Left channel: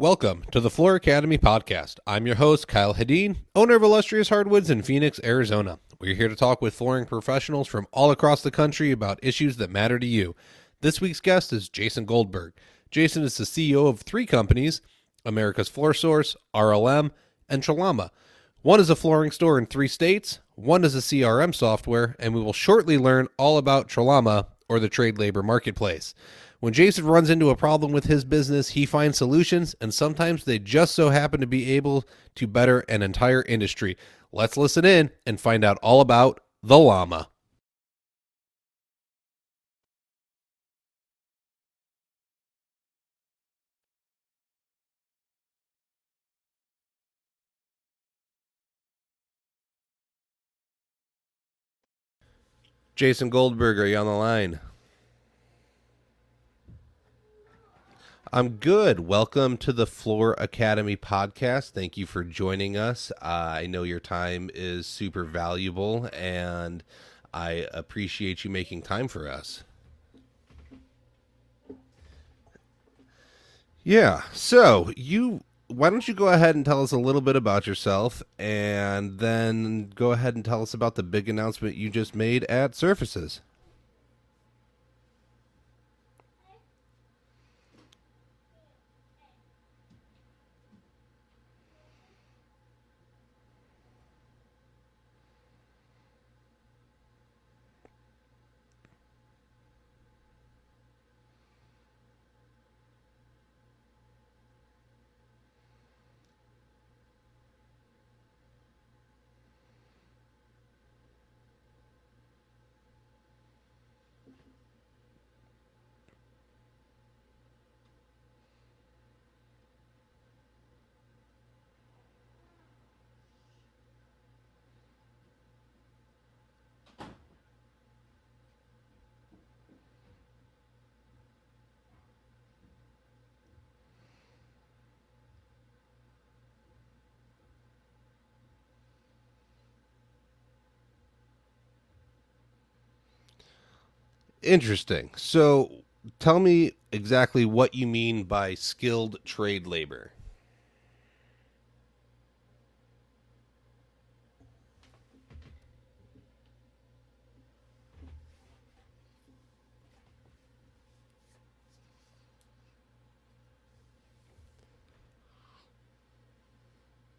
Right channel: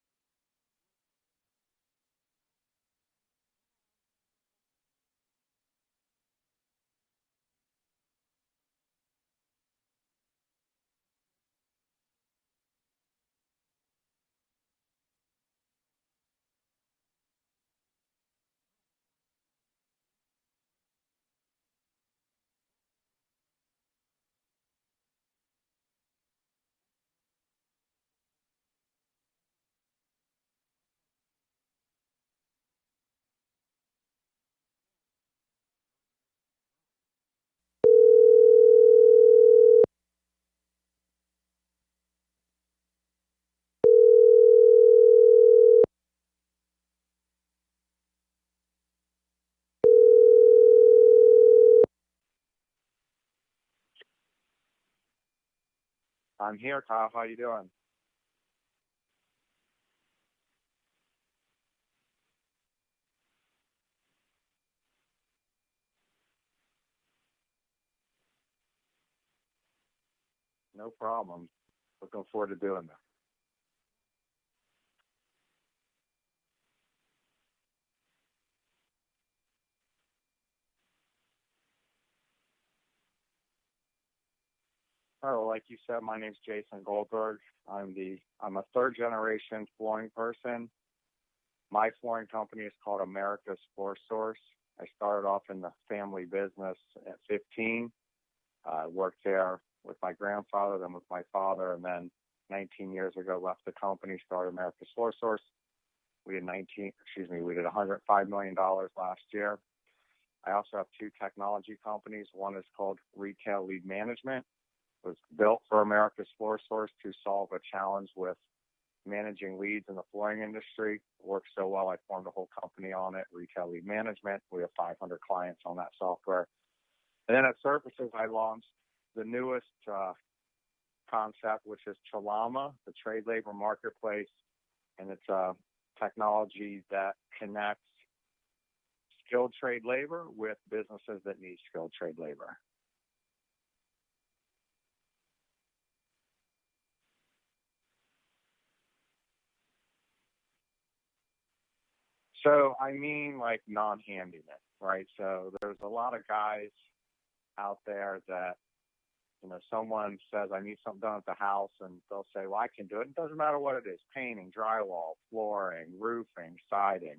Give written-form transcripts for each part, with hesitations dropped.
Welcome to the Floor Academy podcast. I'm your host, Kyle Hedin, owner of Illustrious Hardwoods in Phoenix, Arizona. We're here to talk with flooring professionals from all across the country about issues that matter to you. This week's guest is Jason Goldberg. Jason is the CEO of three companies, America's Floor Source, RLM, and TraLama. One is a flooring store in 3 states, one is a CRM software, and we will shortly learn all about TraLama, or the trade labor marketplace. When Jason runs into a problem with his business, he finds solutions, and sometimes they just so happen to be able to better an entire industry. Let's listen in and find out all about the llama. Jason Goldberg, are you on the line? I'm here, Kyle. How you doing? I'm good. Welcome to the Floor Academy podcast. Thank you for joining us. I know your time is super valuable, and I appreciate you making time for us. No problem. Looking forward to doing this. Yeah. So why don't you go ahead and tell us a little bit about yourself, and then go ahead and tell us about the big announcement you just made at Surfaces. Oh, like you said, my name's Jason Goldberg. I'm a third generation flooring person. My flooring company is called America's Floor Source. I started off in the family business at 15. I worked there with my grandfather, then with my father, and then 19 years ago left the company, started America's Floor Source. We did $105 million last year. I also have 2 technology companies. One is called Retail Lead Management. It was built for America's Floor Source to solve a challenge with managing leads in the flooring industry. It worked so well, I formed a whole company on it, Retail Lead Management. We have 500 clients on that software. And then at Surfaces, I launched the newest concept, which is TraLama, the trade labor marketplace. And it's a technology that connects skilled trade labor with businesses that need skilled trade labor. Interesting. So tell me exactly what you mean by skilled trade labor. So I mean like non-handyman, right? So there's a lot of guys out there that, someone says, I need something done at the house, and they'll say, well, I can do it. It doesn't matter what it is, painting, drywall, flooring, roofing, siding.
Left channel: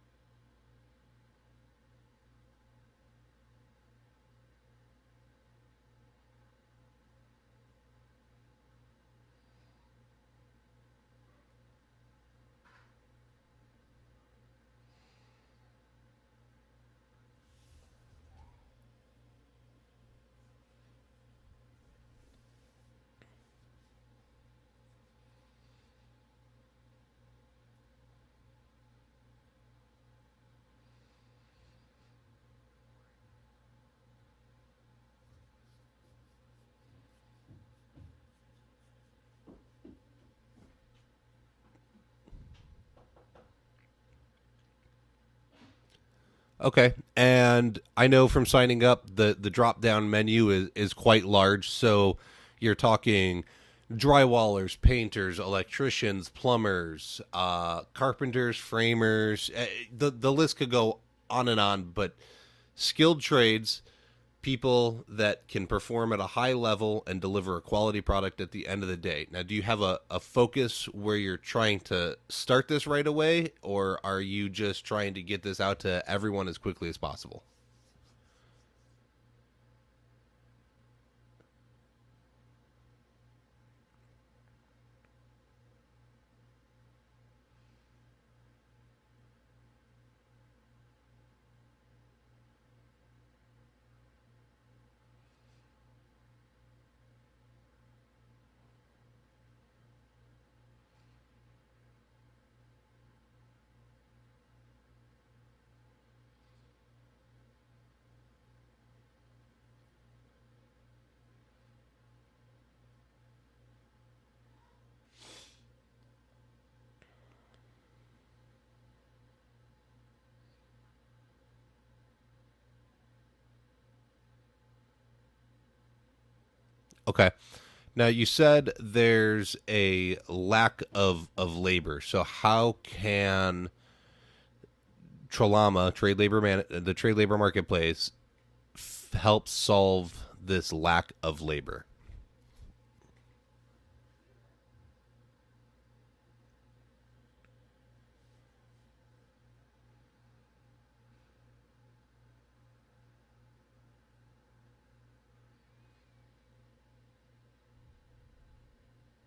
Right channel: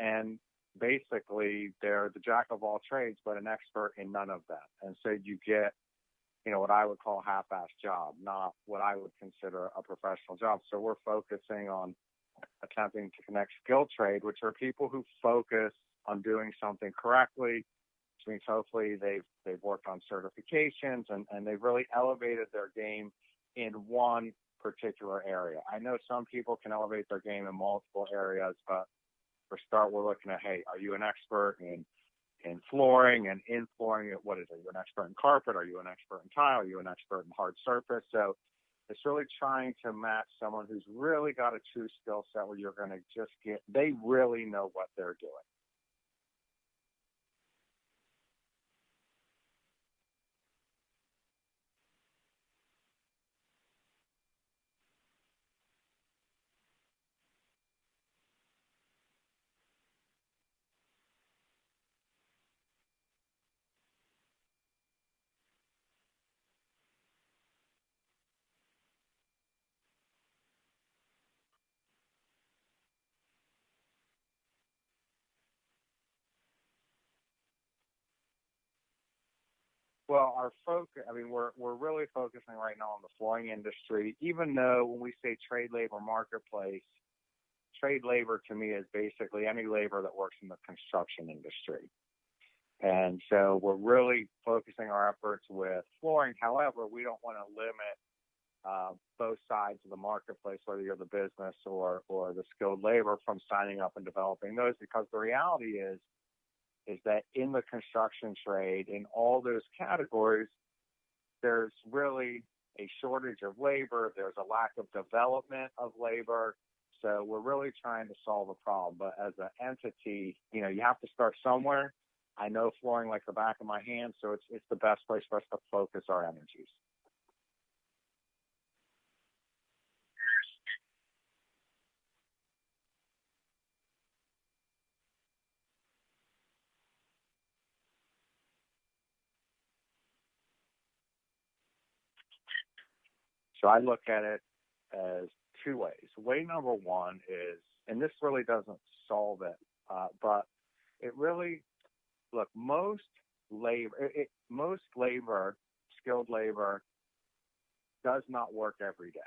And basically they're the jack of all trades, but an expert in none of that. And so you get what I would call a half-assed job, not what I would consider a professional job. So we're focusing on attempting to connect skilled trade, which are people who focus on doing something correctly, which means hopefully they've worked on certifications and they've really elevated their game in one particular area. I know some people can elevate their game in multiple areas, but for start, we're looking at, hey, are you an expert in flooring, and in flooring, what is it? Are you an expert in carpet? Are you an expert in tile? Are you an expert in hard surface? So it's really trying to match someone who's really got a true skill set where you're going to they really know what they're doing. Okay. And I know from signing up, the drop-down menu is quite large. So you're talking drywallers, painters, electricians, plumbers, carpenters, framers. The list could go on, but skilled trades, people that can perform at a high level and deliver a quality product at the end of the day. Now, do you have a focus where you're trying to start this right away, or are you just trying to get this out to everyone as quickly as possible? Well, our focus, we're really focusing right now on the flooring industry, even though when we say trade labor marketplace, trade labor to me is basically any labor that works in the construction industry. And so we're really focusing our efforts with flooring. However, we don't want to limit both sides of the marketplace, whether you're the business or the skilled labor, from signing up and developing those, because the reality is that in the construction trade, in all those categories, there's really a shortage of labor. There's a lack of development of labor. So we're really trying to solve a problem. But as an entity, you have to start somewhere. I know flooring like the back of my hand, so it's the best place for us to focus our energies. Okay. Now, you said there's a lack of labor. So how can TraLama, the trade labor marketplace, help solve this lack of labor? So I look at it as two ways. Way number one is, and this really doesn't solve it, but it really, look, most labor, skilled labor, does not work every day.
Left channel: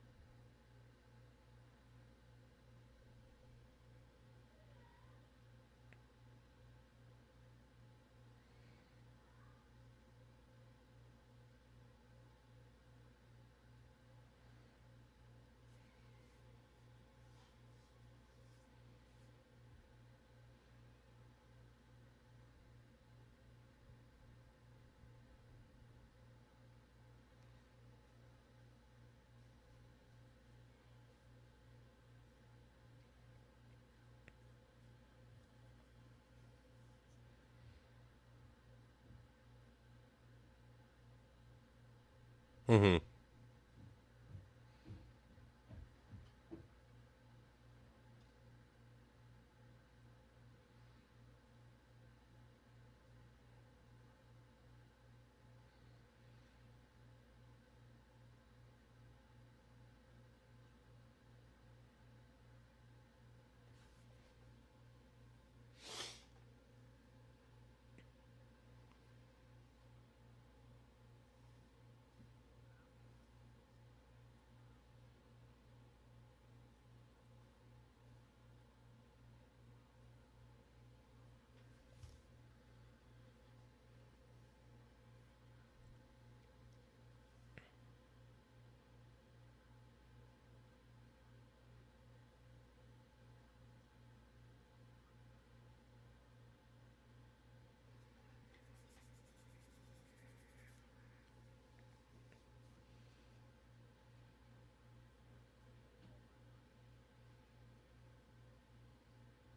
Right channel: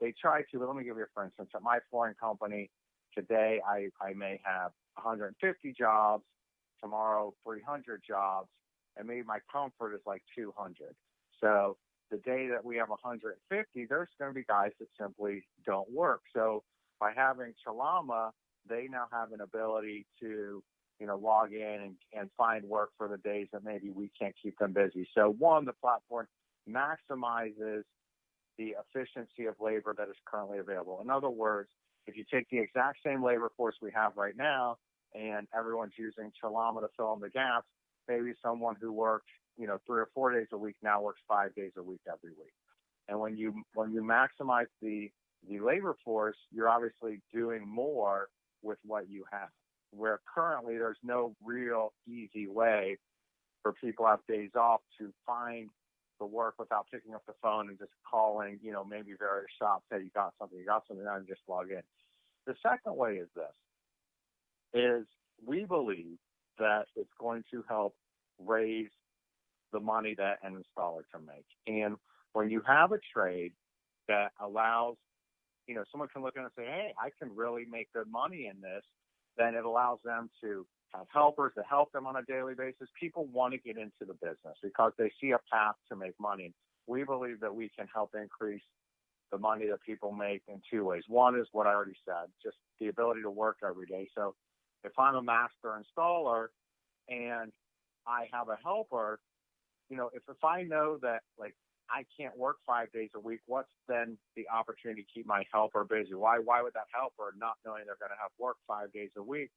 They try to. But let me give you, for instance, at my flooring company today, I may have 150 jobs, tomorrow 300 jobs, and maybe my comfort is like 200. So the day that we have 150, there's going to be guys that simply don't work. So by having TraLama, they now have an ability to, log in and find work for the days that maybe we can't keep them busy. So one, the platform maximizes the efficiency of labor that is currently available. In other words, if you take the exact same labor force we have right now and everyone's using TraLama to fill in the gaps, maybe someone who worked 3 or 4 days a week now works 5 days a week every week. Mm-hmm. And when you maximize the labor force, you're obviously doing more with what you have. Where currently there's no real easy way for people who have days off to find the work without picking up the phone and just calling, maybe various shops, hey, you got something, now and just log in. The second way is this, is we believe that it's going to help raise the money that an installer can make. And when you have a trade that allows, someone can look at it and say, hey, I can really make good money in this, then it allows them to have helpers to help them on a daily basis. People want to get into the business because they see a path to make money. We believe that we can help increase the money that people make in two ways. One is what I already said, just the ability to work every day. So if I'm a master installer and I have a helper, if I know that, like, I can't work 5 days a week, what's then the opportunity to keep my helper busy? Why would that helper, not knowing they're going to have work 5 days a week,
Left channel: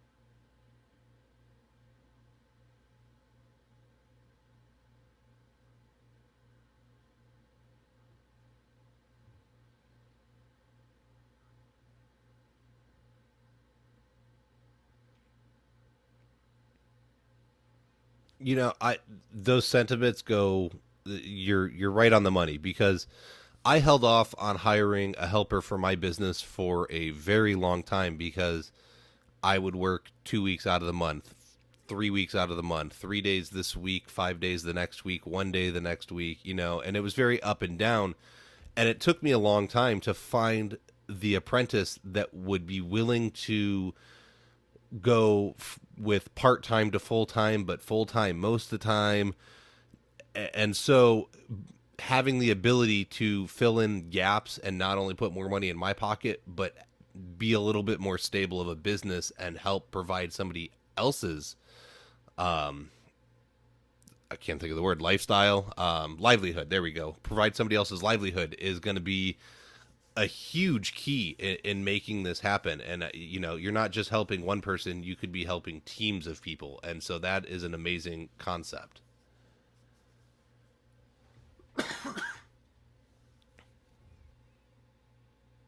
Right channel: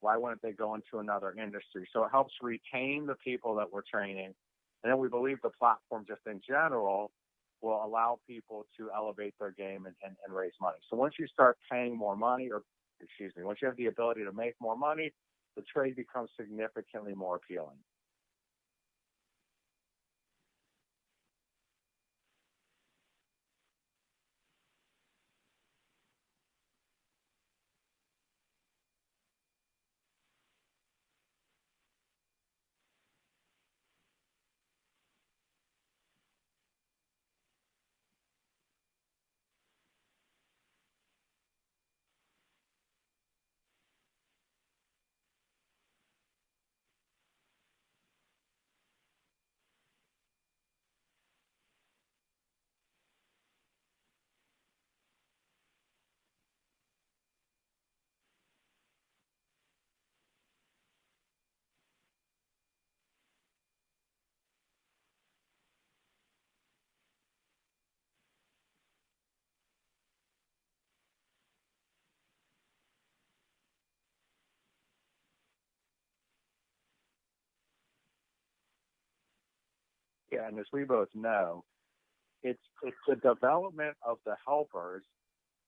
why wouldn't they go into another industry? So it helps retain the people that we're training. And then we believe the platform just in general will allow people to elevate their game and raise money. So once you start paying more money, once you have the ability to make more money, the trade becomes significantly more appealing. Those sentiments go, you're right on the money, because I held off on hiring a helper for my business for a very long time because I would work 2 weeks out of the month, 3 weeks out of the month, 3 days this week, 5 days the next week, 1 day the next week, and it was very up and down. And it took me a long time to find the apprentice that would be willing to go with part-time to full-time, but full-time most of the time. And so having the ability to fill in gaps and not only put more money in my pocket, but be a little bit more stable of a business and help provide somebody else's, I can't think of the word, livelihood. There we go. Provide somebody else's livelihood is going to be a huge key in making this happen. And, you're not just helping one person, you could be helping teams of people. And so that is an amazing concept. Yeah, and as we both know, it's the development of the helpers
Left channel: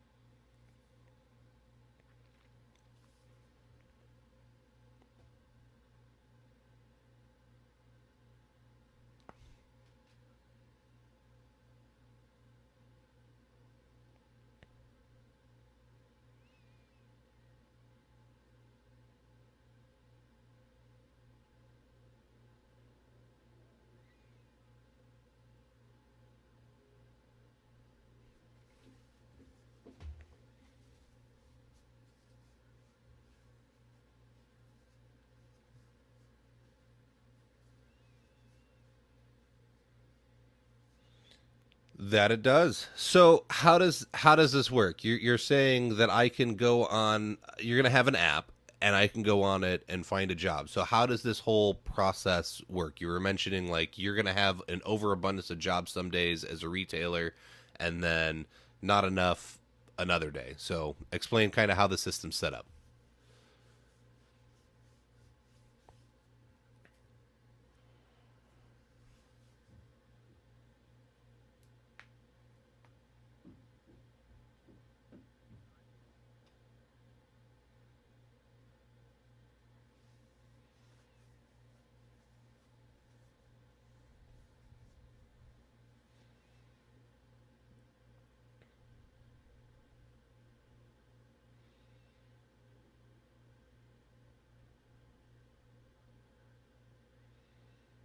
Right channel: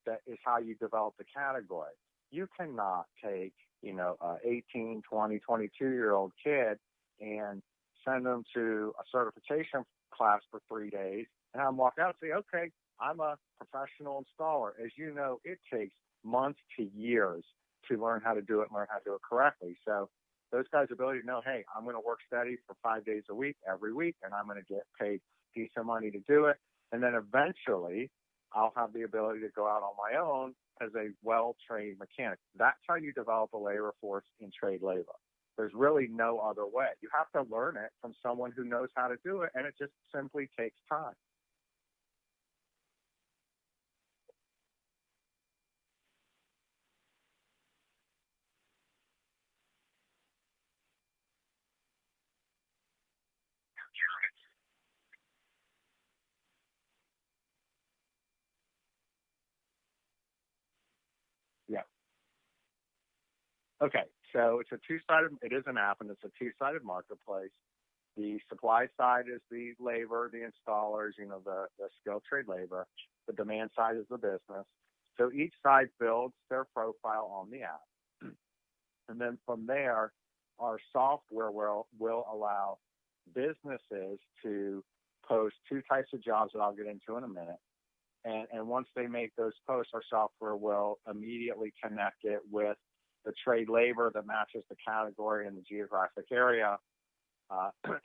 that is how you develop the category. You cannot take, a 18, 20, 22-year-old kid and send them to a certification class for 3 days and have them walk out and say, okay, I'm a professional installer. As you know, it takes months to years to learn how to do it and learn how to do it correctly. So those guys' ability to know, hey, I'm going to work steady for 5 days a week, every week, and I'm going to get paid decent money to do it. And then eventually I'll have the ability to go out on my own as a well-trained mechanic. That's how you develop a labor force in trade labor. There's really no other way. You have to learn it from someone who knows how to do it, and it just simply takes time. That it does. So how does this work? You're saying that I can go on, you're going to have an app, and I can go on it and find a job. So how does this whole process work? You were mentioning, like, you're going to have an overabundance of jobs some days as a retailer, and then not enough another day. So explain kind of how the system's set up. Okay, so it is an app, and it's a two-sided marketplace. The supply side is the labor, the installers, the skilled trade labor. The demand side is the business. So each side builds their profile on the app. And then from there, our software will allow businesses to post two types of jobs that I'll get into in a minute. And once they make those posts, our software will immediately connect it with the trade labor that matches the category and the geographic area,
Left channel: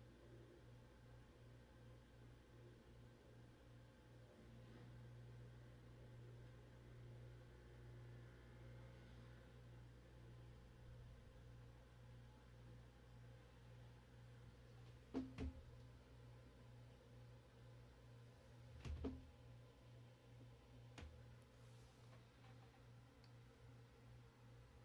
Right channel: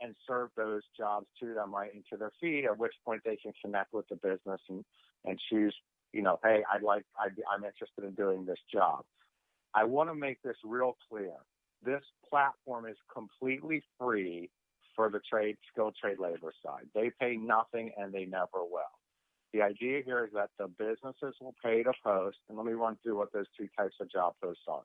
and serve those jobs to them right into their feed, at which point they can connect with the business and choose, hey, I'm interested in doing this job. I want to make this real clear. This platform is completely free for the skilled trade labor side. They pay nothing, and they never will. The idea here is that the businesses will pay to post, and let me run through what those two types of job posts are.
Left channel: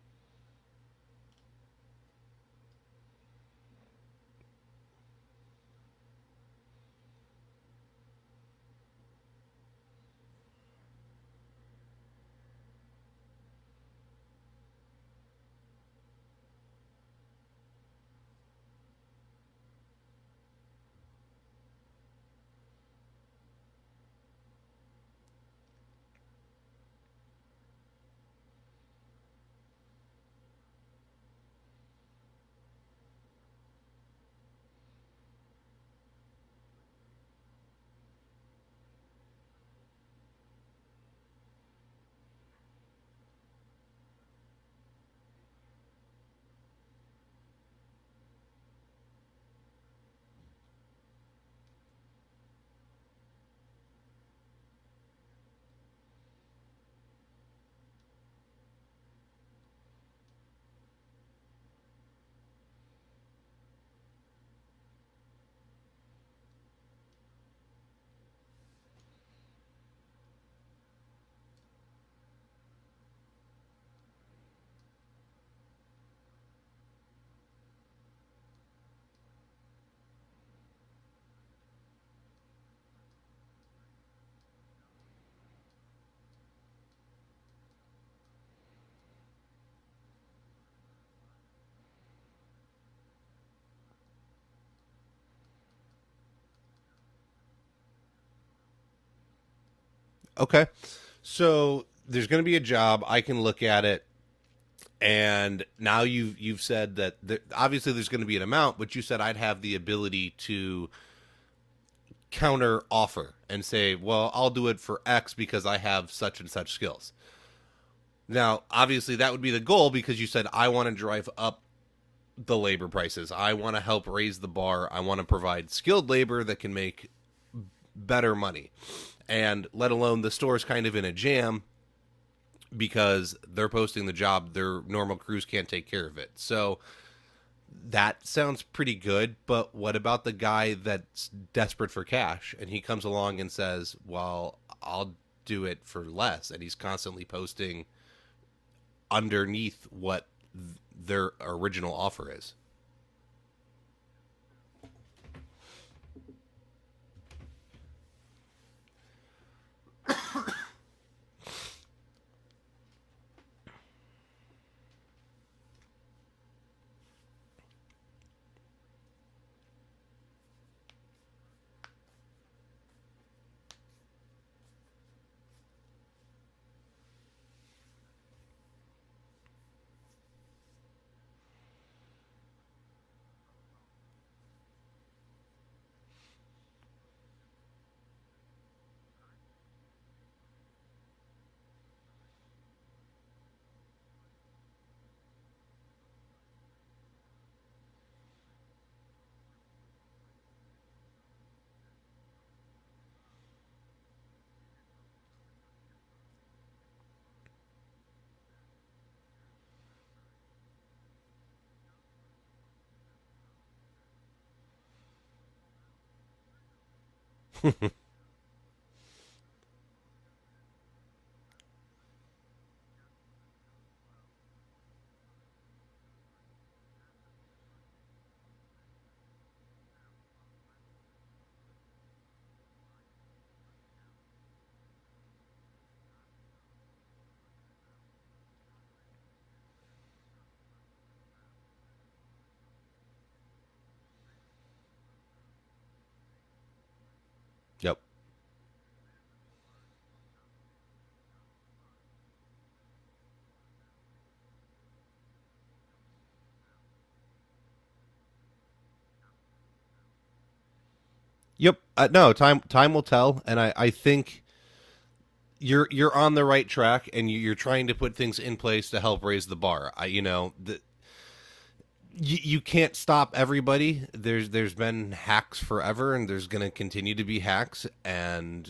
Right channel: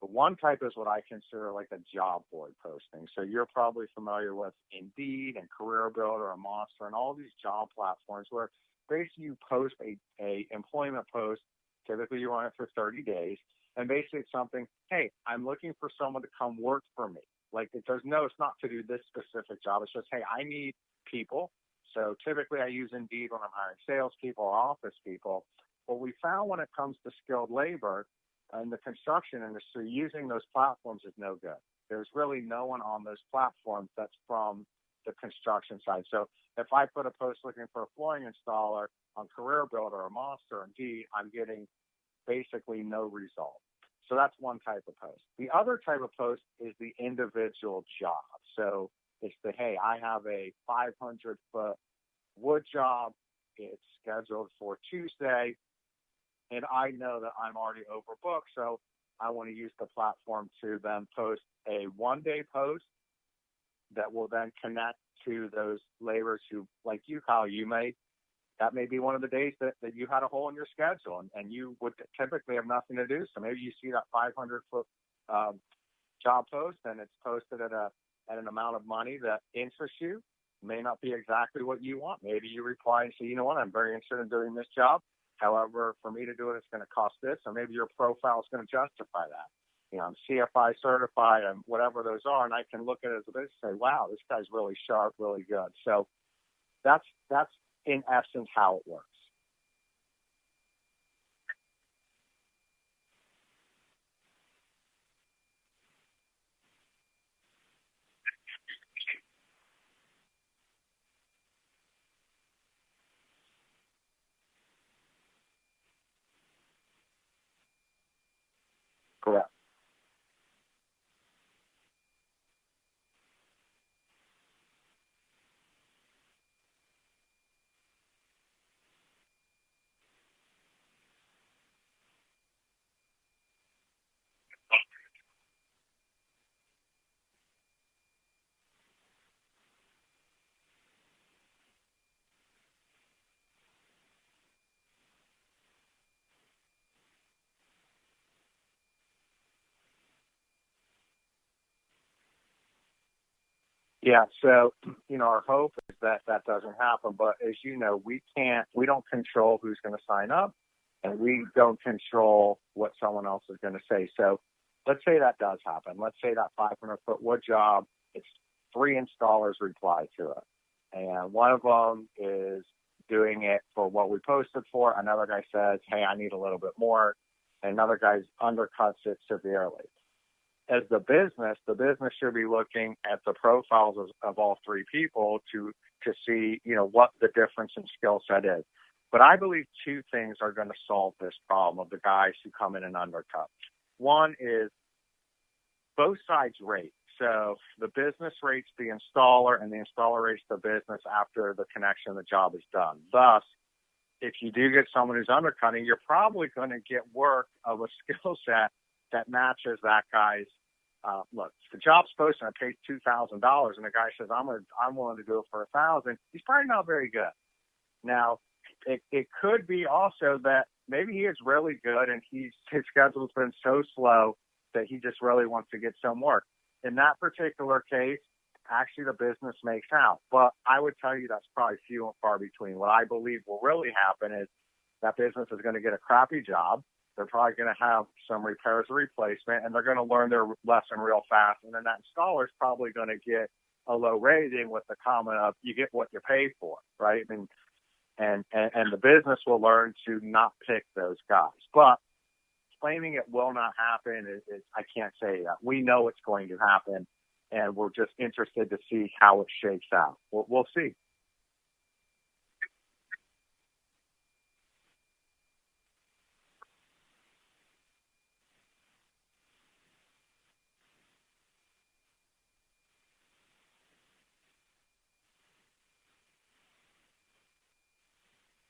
The one type is what I consider like a job board posting. So you're probably familiar with Indeed and Career Builder and Monster and all these job platforms where basically you post a employment post. Typically you run it for 30 days. And basically it's something, hey, I'm looking for someone to come work for me. Like it's not to do this specific job. It's just, hey, I need people. So typically I use Indeed when I'm hiring salespeople or office people. What we found when it comes to skilled labor in the construction industry, using those platforms is no good. There's really no one on those platforms that's from the construction side. So if I put a post looking for a flooring installer on Career Builder or Monster or Indeed, I'm getting basically no result. So that's one type of post. The other type of post is the individual job. So it's the, hey, I have a 500-foot wood job. It's scheduled for Tuesday, and I know that I'm already overbooked, so I want to use the platform to then post a one-day post that will then connect to those laborers who, like you, Kyle, that may be one of the days that you had a hole in your schedule and you would typically have nothing to do. So maybe you see that 500-foot job post and it's posted at an amount of money that interests you. May not be exactly what you want. Maybe you reply and say, you know what, I'm very interested in doing this job. However, for me to do it, it's going to cost this. So maybe your profile is going to justify that. I'm CFI certified and whatever those are, and I can look at it as a business and say, wow, this guy's really sharp, really good. So that's in essence how it works. Okay. So there's going to be a job. I can look at it. And now you've said that obviously there's going to be an amount, but you said I'd have the ability to counter offer and say, well, I'll do it for X because I have such and such skills. Now, obviously that would be the goal because you said I want to drive up the labor prices. I want to help raise the bar. I want to provide skilled labor that can make better money. And let alone the store's kind of in a jam because they're posting the job, their normal crews can't take care of it. So that sounds pretty good, but what about the guy that's desperate for cash and he comes along and says, well, I'll do it for less, and he's constantly posting underneath what their original offer is? Yeah, so, our hope is that doesn't happen, but as you know, we don't control who's going to sign up, and we don't control what someone else is going to say. So let's say that does happen. Let's say that 500-foot wood job, it's 3 installers reply to it. And one of them is doing it for what we posted for. Another guy says, hey, I need a little bit more. And another guy undercuts it severely. As the business should be looking at the profiles of all 3 people to see, what the difference in skill set is. But I believe 2 things are going to solve this problem of the guys who come in and undercut. One is both sides rate. So the business rates the installer and the installer rates the business after the connection of the job is done. Thus, if you do get someone who's undercutting, you're probably going to get work of a skill set that matches that guy's. Look, if the job's posted and it pays $2,000 and the guy says, I'm willing to do it for $1,000, he's probably not very good. Now, it could be also that maybe he is really good and his schedule's been so slow that he just really wants to get some work. In that particular case, actually the business makes out. But I would tell you that's probably few and far between. What I believe will really happen is that business is going to get a crappy job. They're probably going to have some repairs or replacement, and they're going to learn their lesson real fast. And then that installer is probably going to get a low rating with the comment of you get what you pay for, right? I mean, Yep. And the business will learn to not pick those guys. But claiming it will not happen is I can't say that. We know it's going to happen, and we're just interested to see how it shakes out. We'll see. Yep. No, time will tell, and I think you're on the right track, and you're trying to put things in place to help raise the bar. You can't stop everybody. There's been hacks forever, and there's going to continue to be hacks, and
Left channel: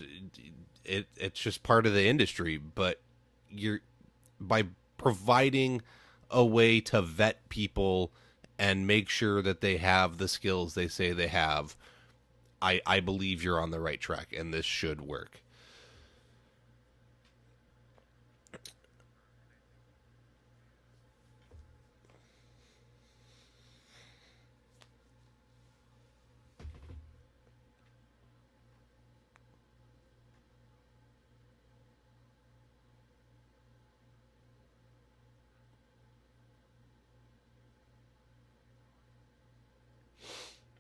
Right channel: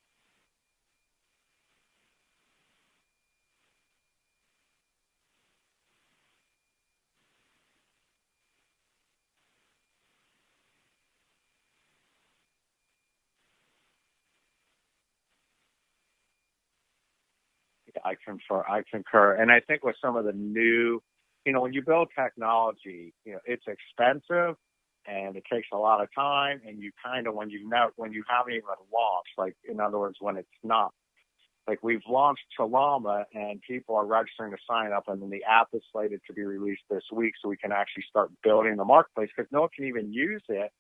it's just part of the industry. But by providing a way to vet people and make sure that they have the skills they say they have, I believe you're on the right track, and this should work. I concur. And I think with some of the new, when you build technology, it's expensive and it takes a lot of time. And you kind of, when you haven't even launched, like, in other words, when it's not, like, we've launched TraLama and people are registering to sign up, and then the app is slated to be released this week so we can actually start building the marketplace, because no one can even use it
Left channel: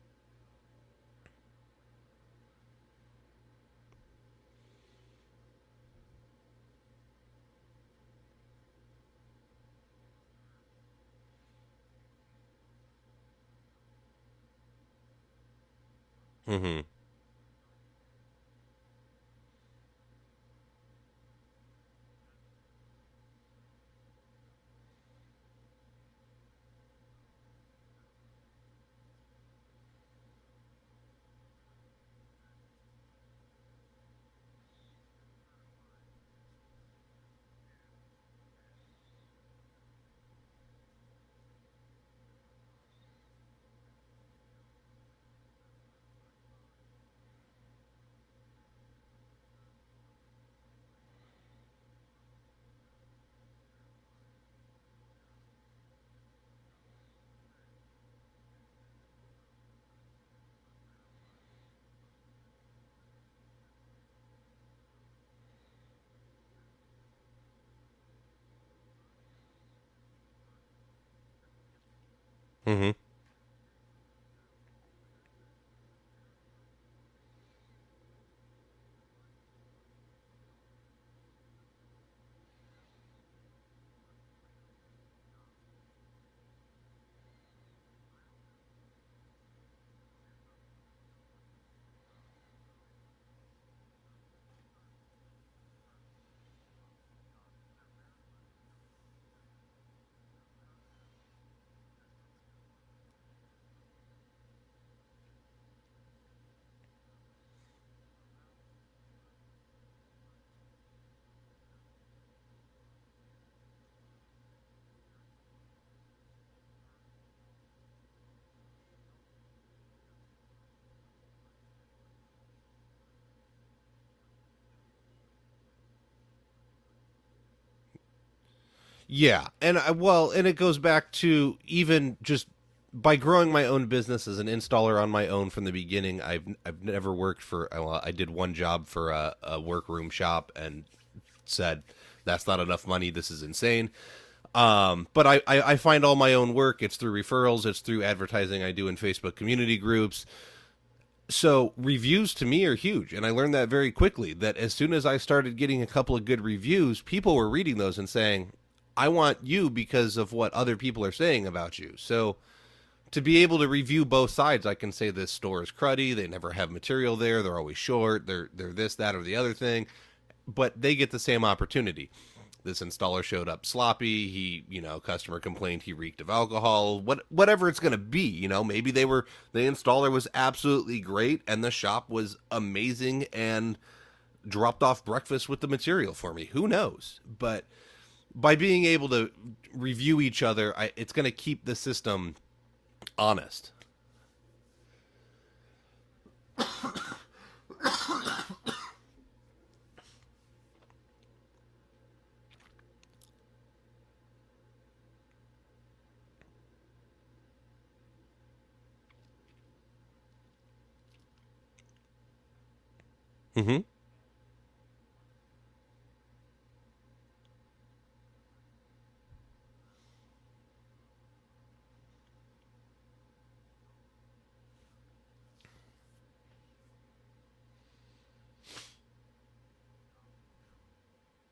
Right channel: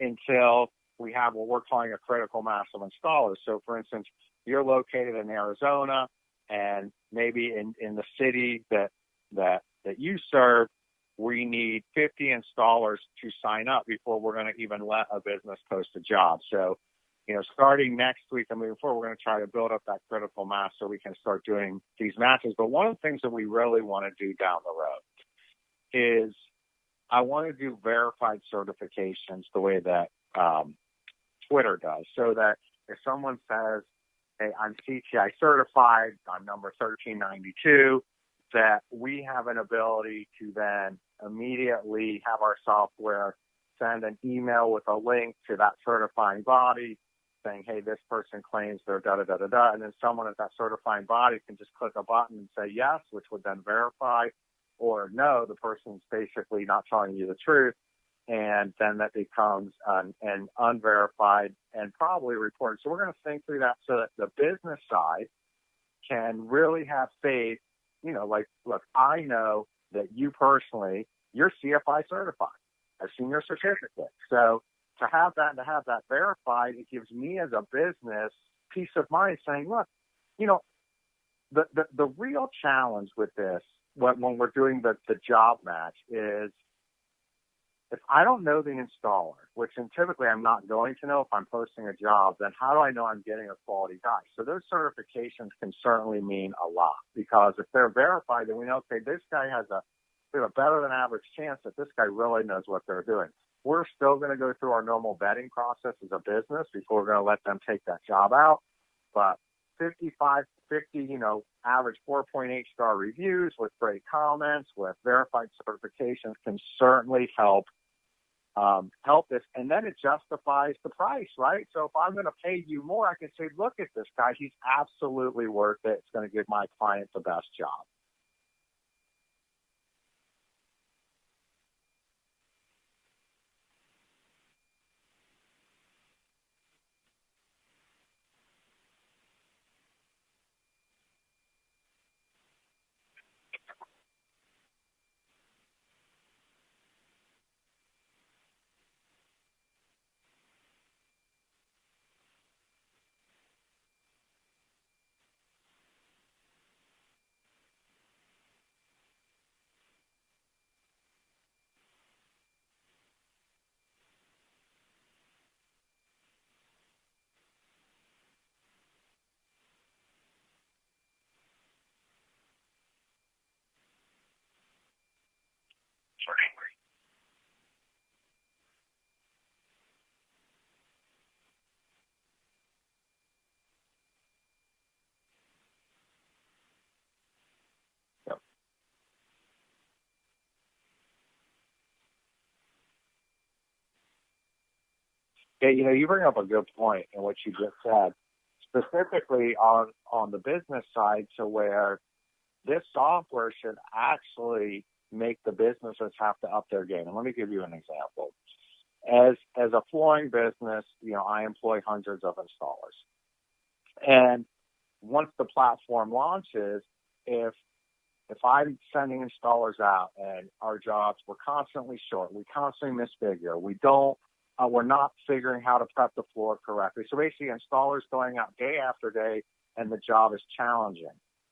until we have what we're calling a critical mass of installers. So, for instance, you're located in Arizona, and maybe in the city that you serve, we need 50 installers to sign up before we're going to even let a business post a job. So, starting next week and moving forward, we're going to try to build up that critical mass so we can start doing these matches. But one of the things that we really want to do down the road is I want to do verified certifications the way that Twitter does, so that if someone says, hey, I'm CTI certified, I'm number 1392, that we have an ability to then immediately have our software send an email with a link to that certifying body saying, hey, this person claims they're da-da-da-da-da, and then someone at that certifying body can just click a button and say yes, which would then verify, or no, the person's basically not telling you the truth, and then that becomes an unverified and probably reported. So we're going to think through that so that the business side can really have faith. Like, look, I know that you personally, you're CFI certified. Mm-hmm. I've seen your certificate. So to have that and to have that verified, it gives me as a business peace of mind saying, look, the real challenge with this when we're doing the job match is, if I don't know the installer, which typically I'm not going to know if I'm posting a job, then how do I know I'm getting a quality guy? So those certifications can certainly mean a lot, because if they're verified, then we know, okay, this guy we have a better than average chance that this guy really knows what they're doing. We're still going to go through our normal vetting process as a business before we're going to let them take that job out. But 50, average 4.8 star reviews with great comments, with verified certifications can certainly help this, and then it justifies the price, right? So if I'm going to pay you more, I can say, look at this guy, he's absolutely worth it. It's going to give my client the best job. Yeah, and it goes back to even just by growing my own business as an installer on my own from the beginning. I've never worked for. I did one job for a workroom shop and said, that's not enough money. This is insane. But I find all my own work. It's through referrals. It's through advertising I do in Facebook community groups. So reviews to me are huge. And I learned that very quickly, that as soon as I started getting a couple of good reviews, people were reading those and saying, I want you because of what other people are saying about you. So to be able to review both sides, I can say this store is cruddy. They never have material there. They're always short. They're this, that, or the other thing. But they get the same opportunity. This installer showed up sloppy. He, customer complained he reeked of alcohol. Whatever it's going to be, maybe the installer was absolutely great and the shop was amazing and dropped off breakfast with the material for me. Who knows? But by being able to review each other, it's going to keep the system honest. Yeah, you bring up a good point in what you just said, specifically on the business side, to where this software should actually make the businesses have to up their game. And let me give you an example. As a flooring business, I employ hundreds of installers. Mm-hmm. And once the platform launches, if if I'm sending installers out and our jobs, we're constantly short, we constantly misfigure, we're not figuring how to prep the floor correctly. So basically, installers going out day after day, and the job is challenging.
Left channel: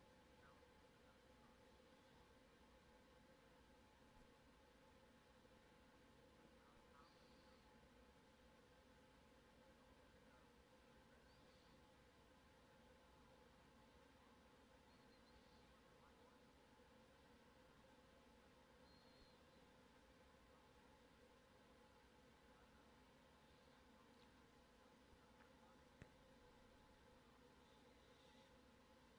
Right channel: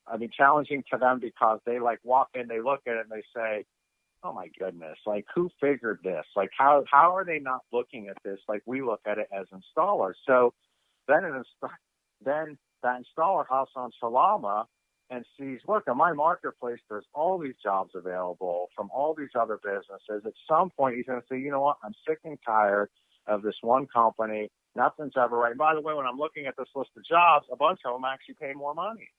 I mean, challenging to them because they like walk in, they look at it, and they say, "Oh my goodness! Like, who figured this? Like, how are they not looking at this like we look at it as installers?" So then then that installer hops on TraLama and sees, look, in my marketplace, there's all these jobs available from all these other businesses. At some point, he's going to say, you know what, I'm sick and tired of this one company. Nothing's ever right. And by the way, when I'm looking at this list of jobs, a bunch of them actually pay more money.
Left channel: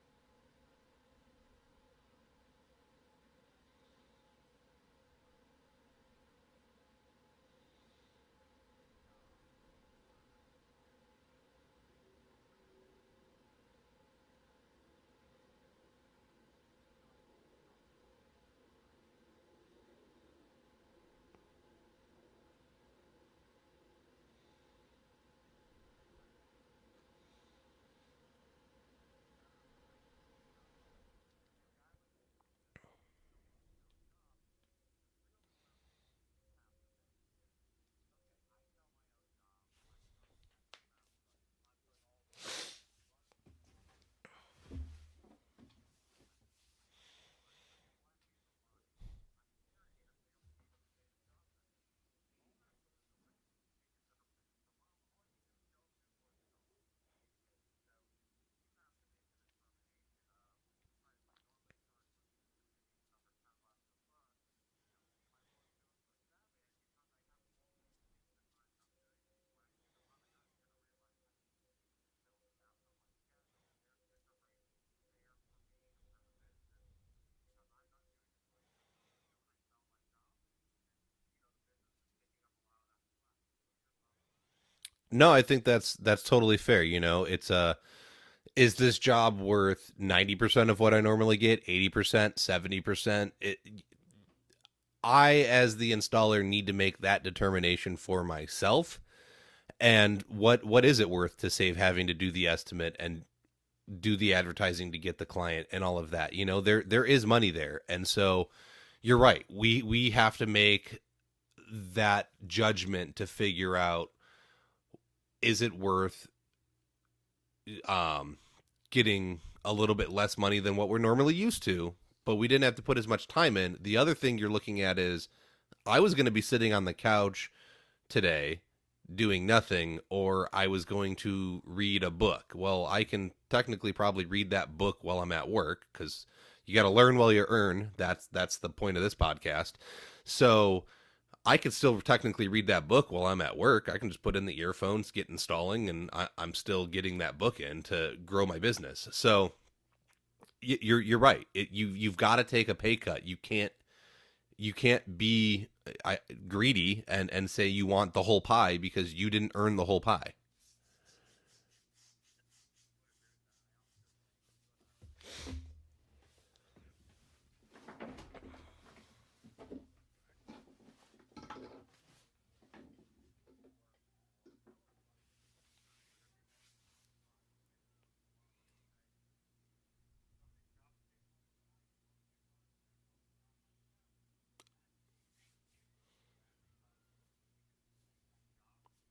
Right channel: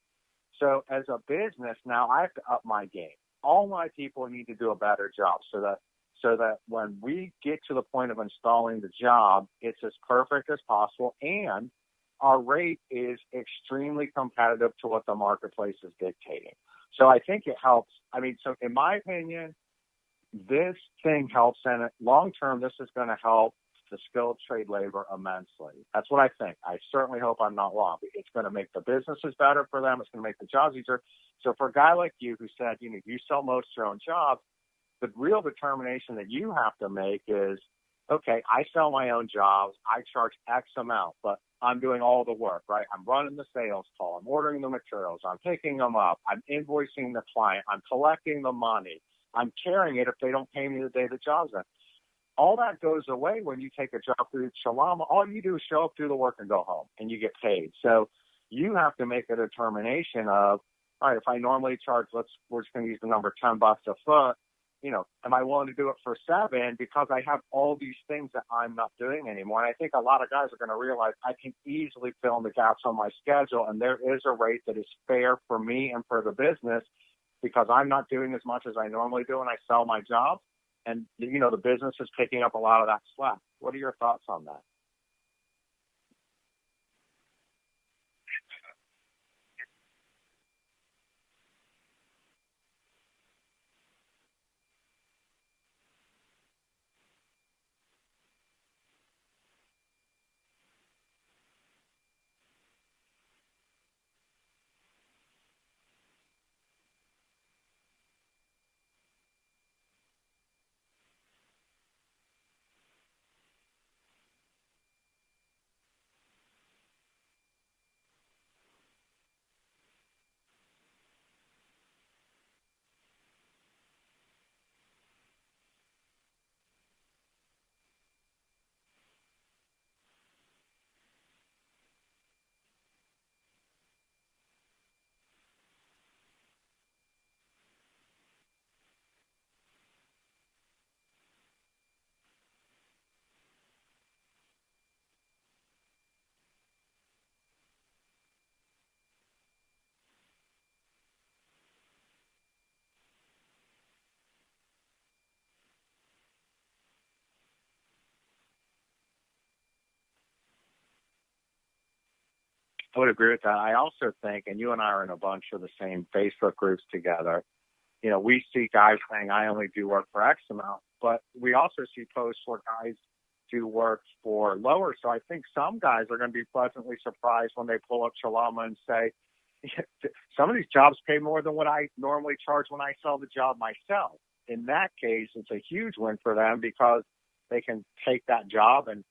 So as a business, now I have to up my game. All my people need to do a better job so that when we get to the point of installing the job, it's as perfect as possible, and our rate is extremely competitive to what the marketplace is dictating. So I think it helps. I mean, so in my opinion, this thing helps, and long term, this is going to help the skilled trade labor immensely. That's what I think. I certainly hope I'm not wrong. It's going to make the businesses better for them. It's going to make the jobs easier. So for a guy like you who said, you know, you sell most of your own jobs, the real determination that you have to make is, okay, I sell my own jobs. I charge X amount, but I'm doing all the work, right? I'm running the sales call. I'm ordering the materials. I'm picking them up. I'm invoicing the client. I'm collecting the money. I'm carrying it if they don't pay me the day the job's in. All that goes away when you take a job through TraLama. All you do is show up, do the work, and go home, and you get paid. So you have to make a determination of, all right, if I normally charge, we're just going to use the number $10 a foot. You know, am I willing to do it for $7 because I have all these things that I'm not doing anymore? And I think a lot of guys are going to realize I can easily fill in the gaps on my schedule, and there is a rate that is fair for me and for the business because I'm not doing as much as I normally do when I sell my job. And, you know, the business is picking up a lot of that slack. What are your thoughts on that? No, I think that's totally fair. You know, is this job worth 90% of what I normally get, 80%, 70%? I, as the installer, need to make that determination for myself. And what is it worth to save having to do the estimate and do the advertising to get the client and all of that? You know, there is money there. And so you're right. We have to make that judgment to figure out, is it worth getting a little bit less money than what we're normally used to, but we didn't have to put as much time in. The other thing you're looking at is, I was going to be sitting on the couch today doing nothing, or I was going to read a book. Well, I can technically probably read that book while I'm at work, because you got to learn while you earn. That's the point of this podcast. So I could still technically read that book while I'm at work. I can just put in the earphones, get installing, and I'm still getting that book in to grow my business. So you're right. You've got to take a pay cut. You can't be greedy and say you want the whole pie because you didn't earn the whole pie. I would agree with that. I also think, and you and I are in a bunch of the same Facebook groups together, you know, we see guys saying, I only do work for X amount, but we also see posts where guys do work for lower. So I think some guys are going to be pleasantly surprised when they pull up TraLama and say, some of these jobs pay more than what I normally charge when I sell the job myself. In that case, it's a huge win for them because they can take that job and,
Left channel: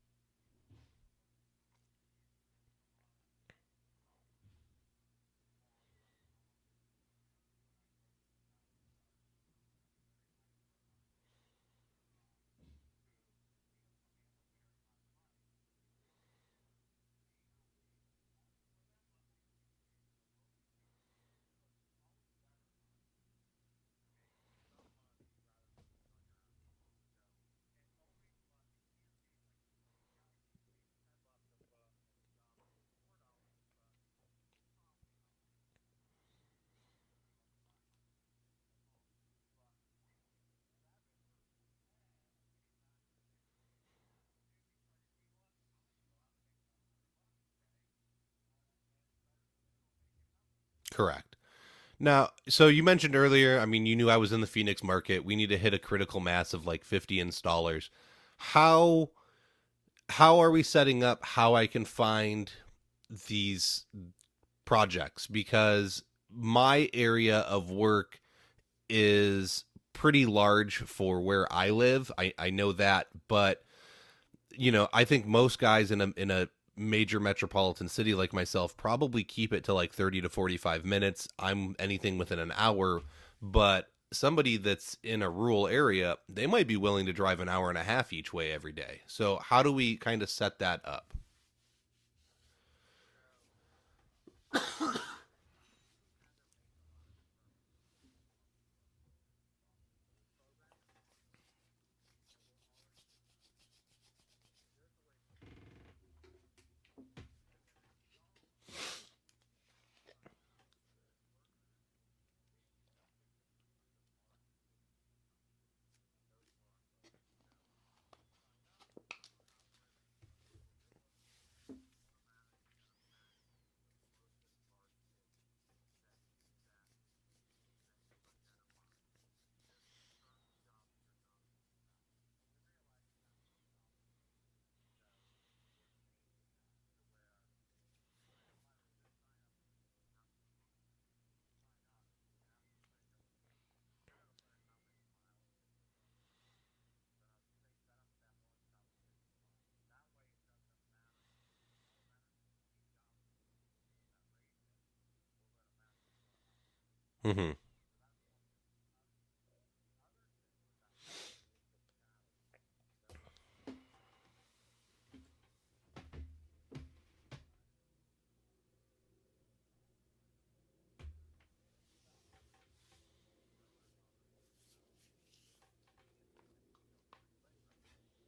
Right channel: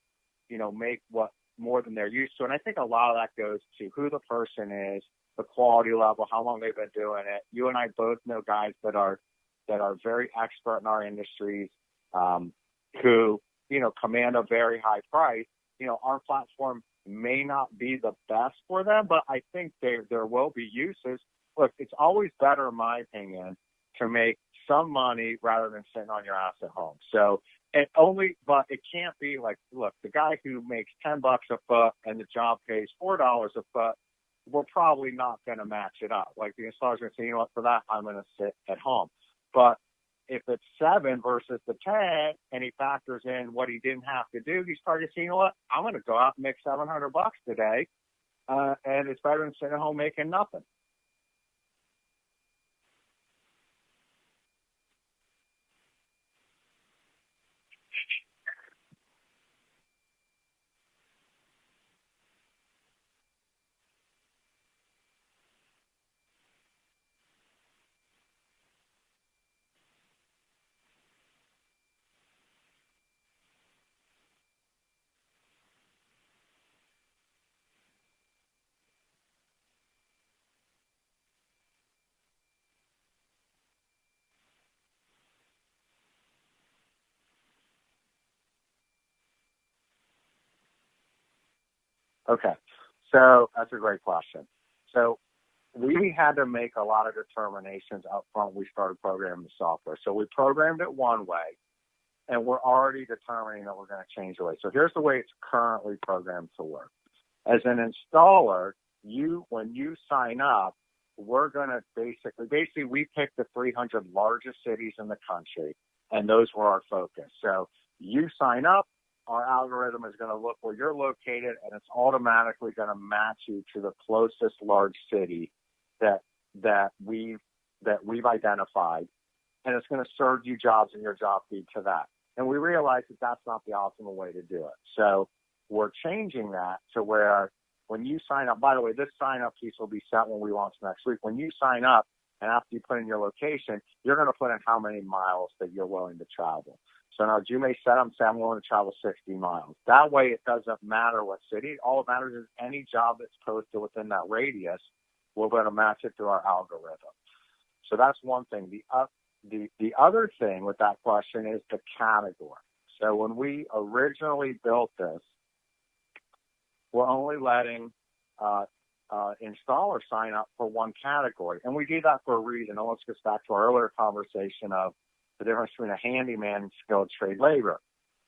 you know, make what more than they're used to. And I think a lot of that goes to who the person is, the quality level, how long they've been doing it. You and I both know guys that are very expert in our industries, who, you know, command a very high price. You know, our platform may not be the best for them, but I think there will be uses. Look, it's always better, in my opinion, to make some money rather than sitting on your ass at home. So but it can't be like, look, the guy who makes $10 a foot and the job pays $4 a foot, we're probably not going to match it up. Like, the installer's going to say, you know what, for that, I'm going to sit at home. But if it's 7 versus the 10, and he factors in what he didn't have to do, he started to say, you know what, I'm going to go out and make $700 today, and it's better than sitting at home making nothing. Correct. Now, so you mentioned earlier, I mean, you knew I was in the Phoenix market. We need to hit a critical mass of like 50 installers. How are we setting up how I can find these projects? Because my area of work is pretty large for where I live. I know that, but I think most guys in a major metropolitan city like myself probably keep it to like 30 to 45 minutes. I'm anything within an hour, but somebody that's in a rural area, they might be willing to drive an hour and a half each way every day. So how do we kind of set that up? Okay. So that's a great question. So we had to make a lot of determinations up front when we started programming the software. So we programmed it one way, and we're already determining that we're going to change the way. So here's the way it's currently programmed to work. As an installer, when you sign up, we're going to basically we picked the 300 largest cities in the country, and those were our focus. So you sign up, our algorithm is going to look where you're located, and it's automatically going to match you to the closest large city that we've identified, and it's going to serve you jobs in your job feed to that. And we realize that that's not the optimal way to do it. So we're changing that to where when you sign up, by the way, this sign up piece will be set when we launch next week. When you sign up and after you put in your location, you're going to put in how many miles that you're willing to travel. So now you may set up and say, I'm willing to travel 60 miles. That way it doesn't matter what city. All that matters is any job that's posted within that radius, we're going to match it to our algorithm. Mm-hmm. So that's one thing. The other thing with that question is the category. So when we originally built this, we're only letting installers sign up for one category. And we do that for a reason. And let's get back to our earlier conversation of the difference between a handyman and skilled trade labor.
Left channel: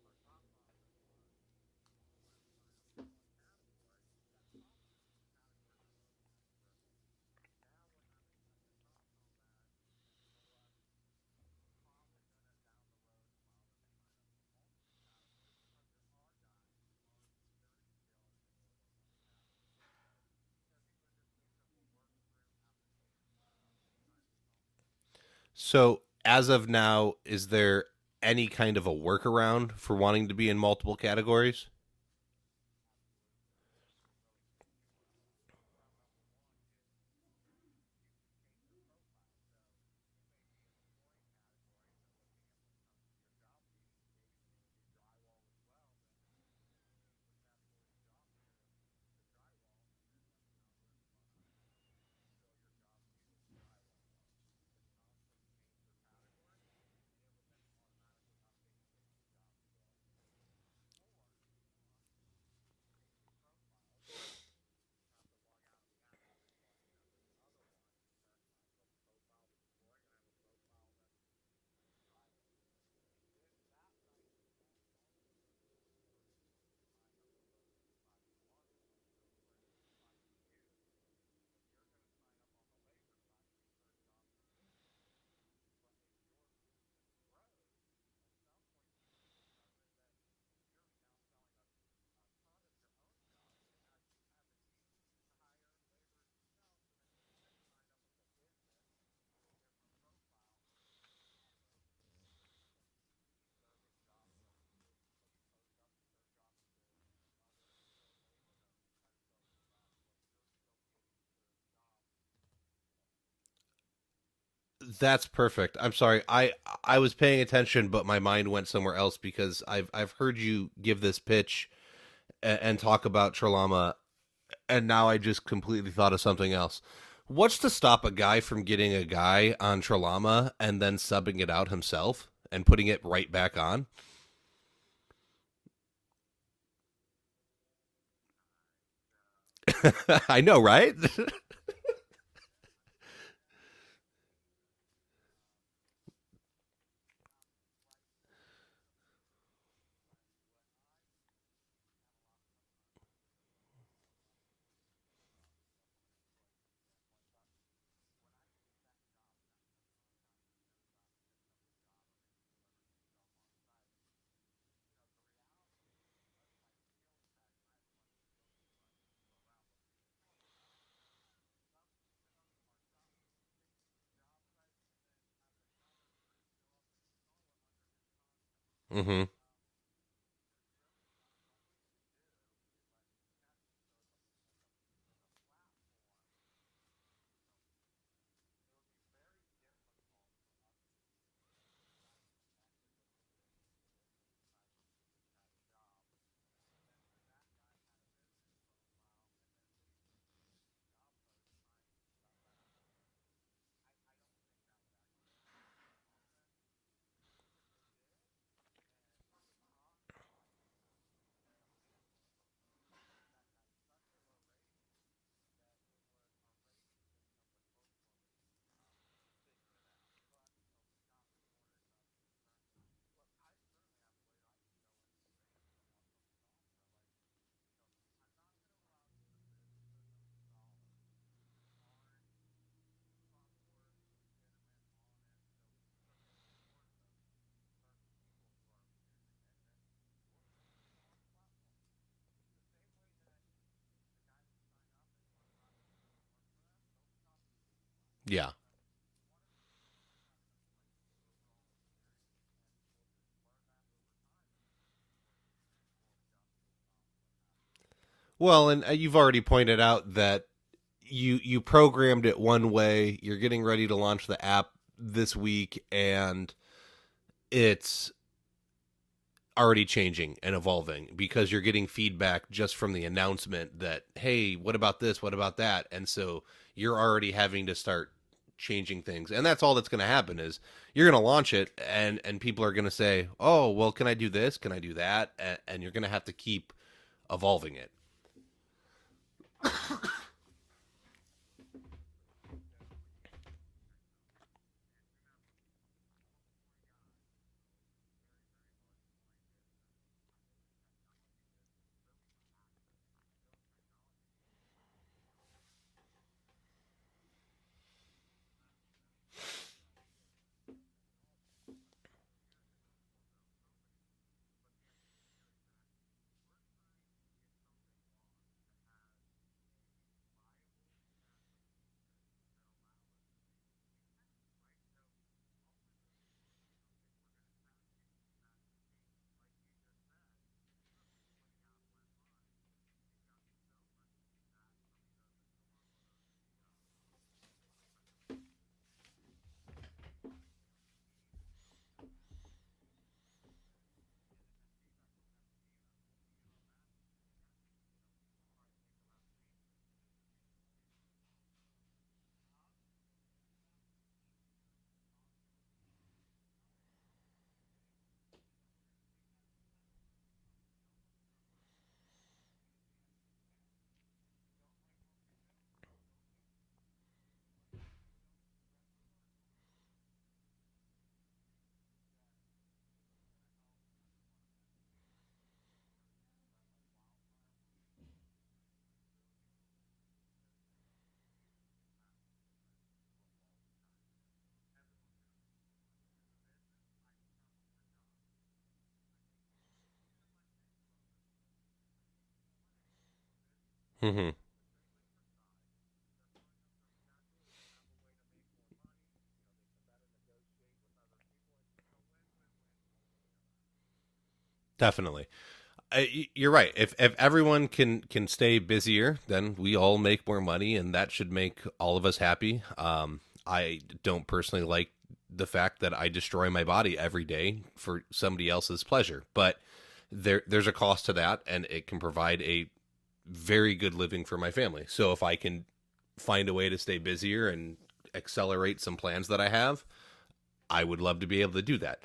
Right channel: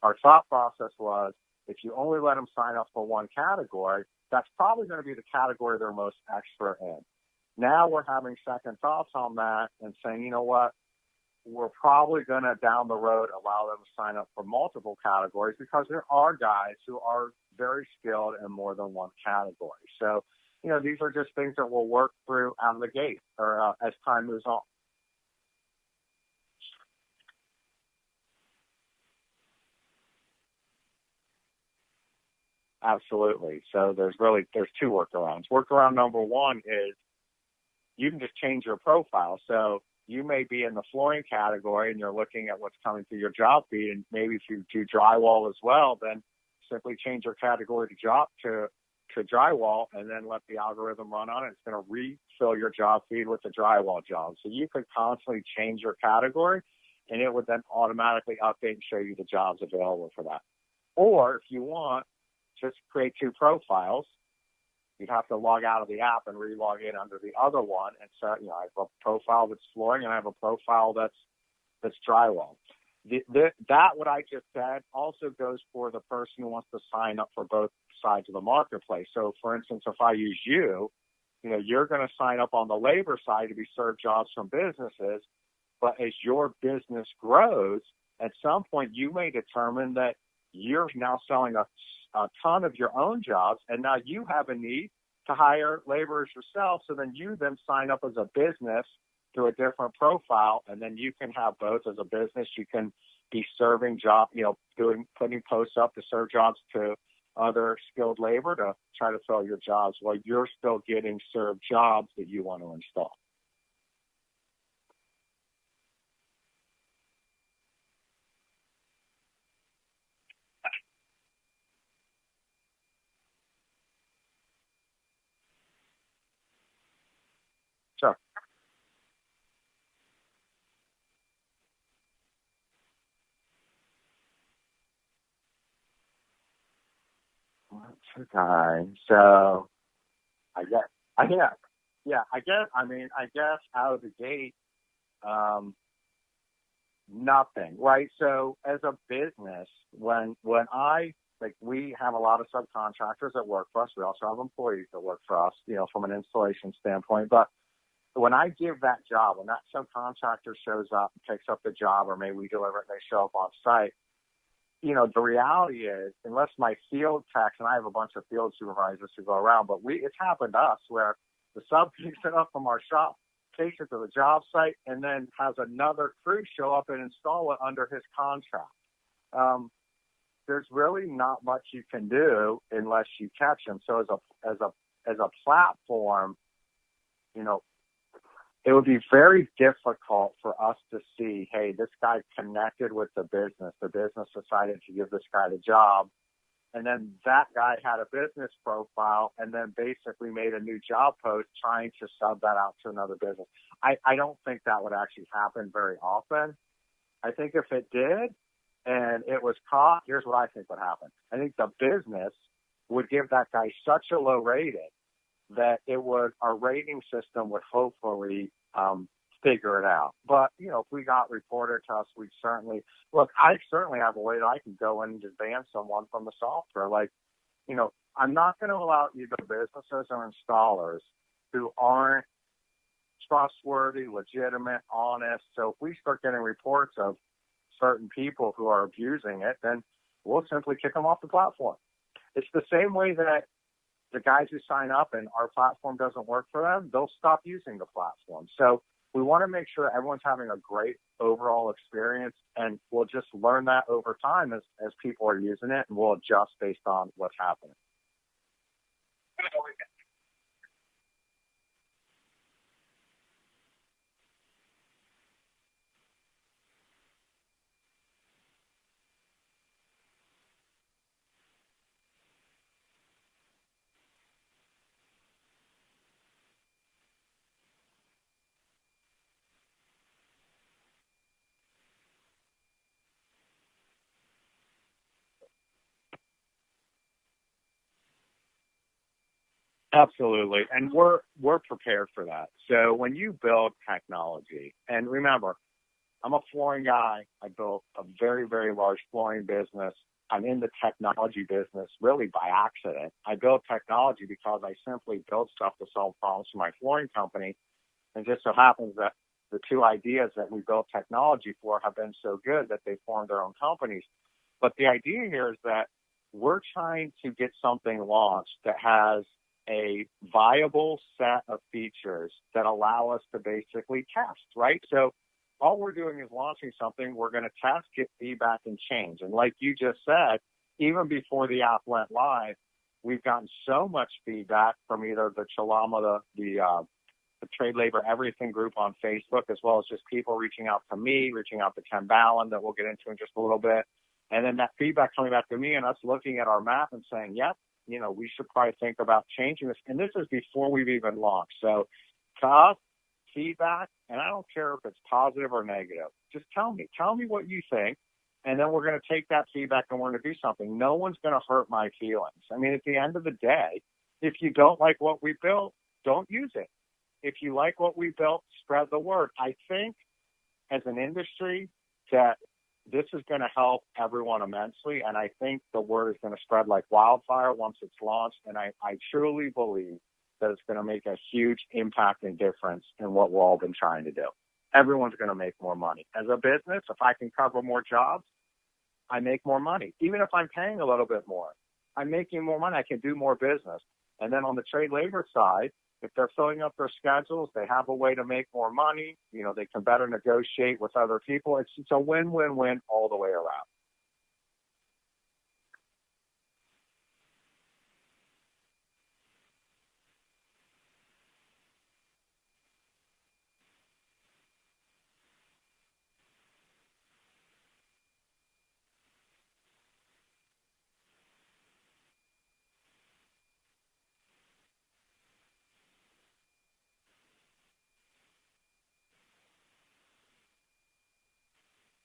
Our thought process was if you only let them sign up for one category, that's probably going to be the category they're most expert in. Now we're having second thoughts on that and saying, you know what, we're probably going to down the road allow them to sign up for multiple categories because there are guys who are very skilled in more than one category. So, these are just things that we'll work through out of the gate or as time moves on. So as of now, is there any kind of a workaround for wanting to be in multiple categories? Absolutely. So there's two workarounds. Workaround number one is you can just change your profile. So you may be in the flooring category and you're looking at what's coming through your job feed, and maybe if you do drywall as well, then simply change your category to drywall and then let the algorithm run on it. It's going to refill your job feed with the drywall job. So you could constantly change your category and it would then automatically update and show you the jobs available for that. Or if you want, just create two profiles. You'd have to log out of the app and re-log in under the other one. And so, I have a profile that's flooring and I have a profile that's drywall. That what I just said also goes for the person who wants to sign up for both sides of the marketplace. So, for instance, if I use you're going to sign up on the labor side to be served jobs from businesses. But as your business grows, at some point you may determine that you're now selling a ton of your own jobs, and now you have a need to hire laborers yourself. So then you sign up as a business through a different profile, and then you can have both as a business. You can be serving jobs, putting posts up to serve jobs to other skilled labor to try to fill your jobs while you're still getting served jobs that you want to install. That's perfect. I'm sorry. I was paying attention, but my mind went somewhere else because I've heard you give this pitch and talk about TraLama, and now I just completely thought of something else. What's to stop a guy from getting a guy on TraLama and then subbing it out himself and putting it right back on? What's a guy? So I know, right? Yeah. I guess out of the gate, nothing, right? So as a business, when we have a lot of subcontractors that work for us. We also have employees that work for us, from an installation standpoint. But when I give that job, when that subcontractor shows up and takes up the job, or maybe we deliver it and they show up on site, the reality is, unless my field techs, and I have a bunch of field supervisors who go around, but it's happened to us where the sub picks it up from our shop, takes it to the job site, and then has another crew show up and install it under his contract. Mm-hmm. There's really not much you can do unless you catch them. So as a platform, it would be very difficult for us to see, hey, this guy connected with the business decided to give this guy the job, and then that guy had a business profile and then basically made a new job post trying to sub that out to another business. I don't think that would actually happen very often. I think if it did and it was caught, here's what I think would happen. I think the business would give that guy such a low rating that our rating system would hopefully figure it out. But, if we got reported to us, I certainly have a way that I can go in and just ban someone from the software. I'm not going to allow either businesses or installers who aren't trustworthy, legitimate, honest. So if we start getting reports of certain people who are abusing it, then we'll simply kick them off the platform. It's the same way that the guys who sign up and our platform doesn't work for them, they'll stop using the platform. Yeah. So we want to make sure everyone's having a great overall experience, and we'll just learn that over time as people are using it, and we'll adjust based on what's happening. Well, and you've already pointed out that you programmed it one way. You're getting ready to launch the app this week, and it's already changing and evolving because you're getting feedback just from the announcement that, hey, what about this? What about that? And so you're already having to start changing things. And that's all that's going to happen is you're going to launch it and people are going to say, oh, well, can I do this? Can I do that? And you're going to have to keep evolving it. Absolutely. And we're prepared for that. So when you build technology, and remember, I'm a flooring guy. I built a very, very large flooring business. I'm in the technology business really by accident. I built technology because I simply built stuff to solve problems for my flooring company. And just so happens that the two ideas that we built technology for have been so good that they formed their own companies. But the idea here is that we're trying to get something launched that has a viable set of features that allow us to basically test, right? So all we're doing is launching something. We're going to test, get feedback, and change. And like you just said, even before the app went live, we've gotten so much feedback from either the TraLama, the Trade Labor Everything group on Facebook, as well as just people reaching out to me, reaching out to Ken Ballin, that we'll get into in just a little bit. And then that feedback coming back to me and us looking at our map and saying, yep, we should probably think about changing this. And this is before we've even launched. So to us, feedback, and I don't care if it's positive or negative, just tell me what you think, and then we're going to take that feedback and we're going to do something. No one's going to hurt my feelings. I mean, at the end of the day, if you don't like what we built, don't use it. If you like what we built, spread the word. I think as an industry that this is going to help everyone immensely, and I think the word is going to spread like wildfire once it's launched, and I truly believe that it's going to make a huge impact and difference in what we've all been trying to do. Everyone's going to make more money. As a business, if I can cover more jobs, I make more money. Even if I'm paying a little bit more, I'm making more money. I can do more business. Mm-hmm. And then on the trade labor side, if they're filling up their schedules, they have a way to make more money. They can better negotiate with other people. It's a win-win-win all the way around. Definitely. You're right. If everyone can stay busier, then we all make more money, and that should make all of us happy. I don't personally like the fact that I destroy my body every day for somebody else's pleasure, but there's a cost to that, and it can provide a very good living for my family. So if I can find a way to stay busier and accelerate some plans that I have, I would love to be able to do that.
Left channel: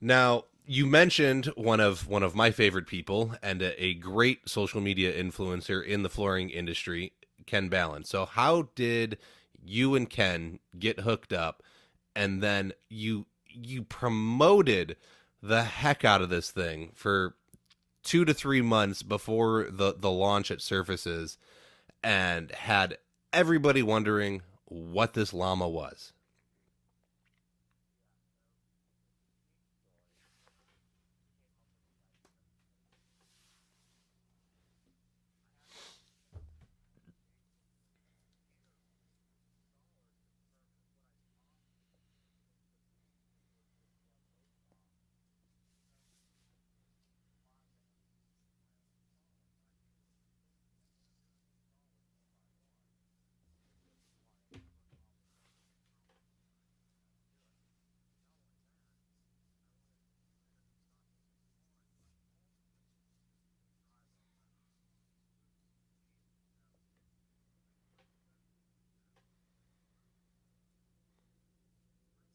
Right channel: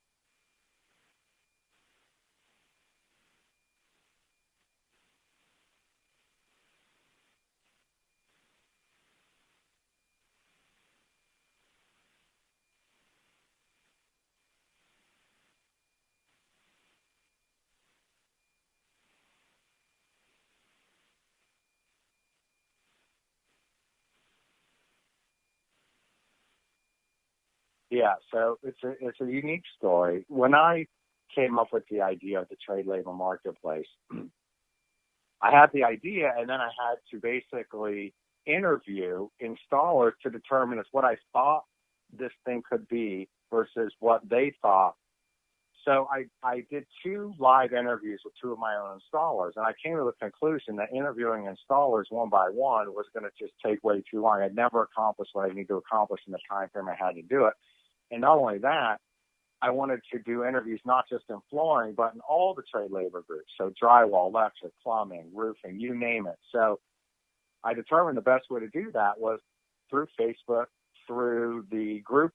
Now, you mentioned one of my favorite people and a great social media influencer in the flooring industry, Ken Ballin. So how did you and Ken get hooked up, and then you promoted the heck out of this thing for 2 to 3 months before the launch at Surfaces, and had everybody wondering what this llama was? Yeah, so it's a unique story. When I came up with the idea of the trade labor marketplace, I had the idea, and then I had to basically interview installers to determine if what I thought this thing could be versus what they thought So I did 2 live interviews with 2 of my own installers, and I came to the conclusion that interviewing installers one by one was going to just take way too long. I'd never accomplished what I needed to accomplish in the time frame I had to do it. And not only that, I wanted to do interviews not just in flooring, but in all the trade labor groups. So drywall, electric, plumbing, roofing, you name it. So I determined the best way to do that was through Facebook, through the groups.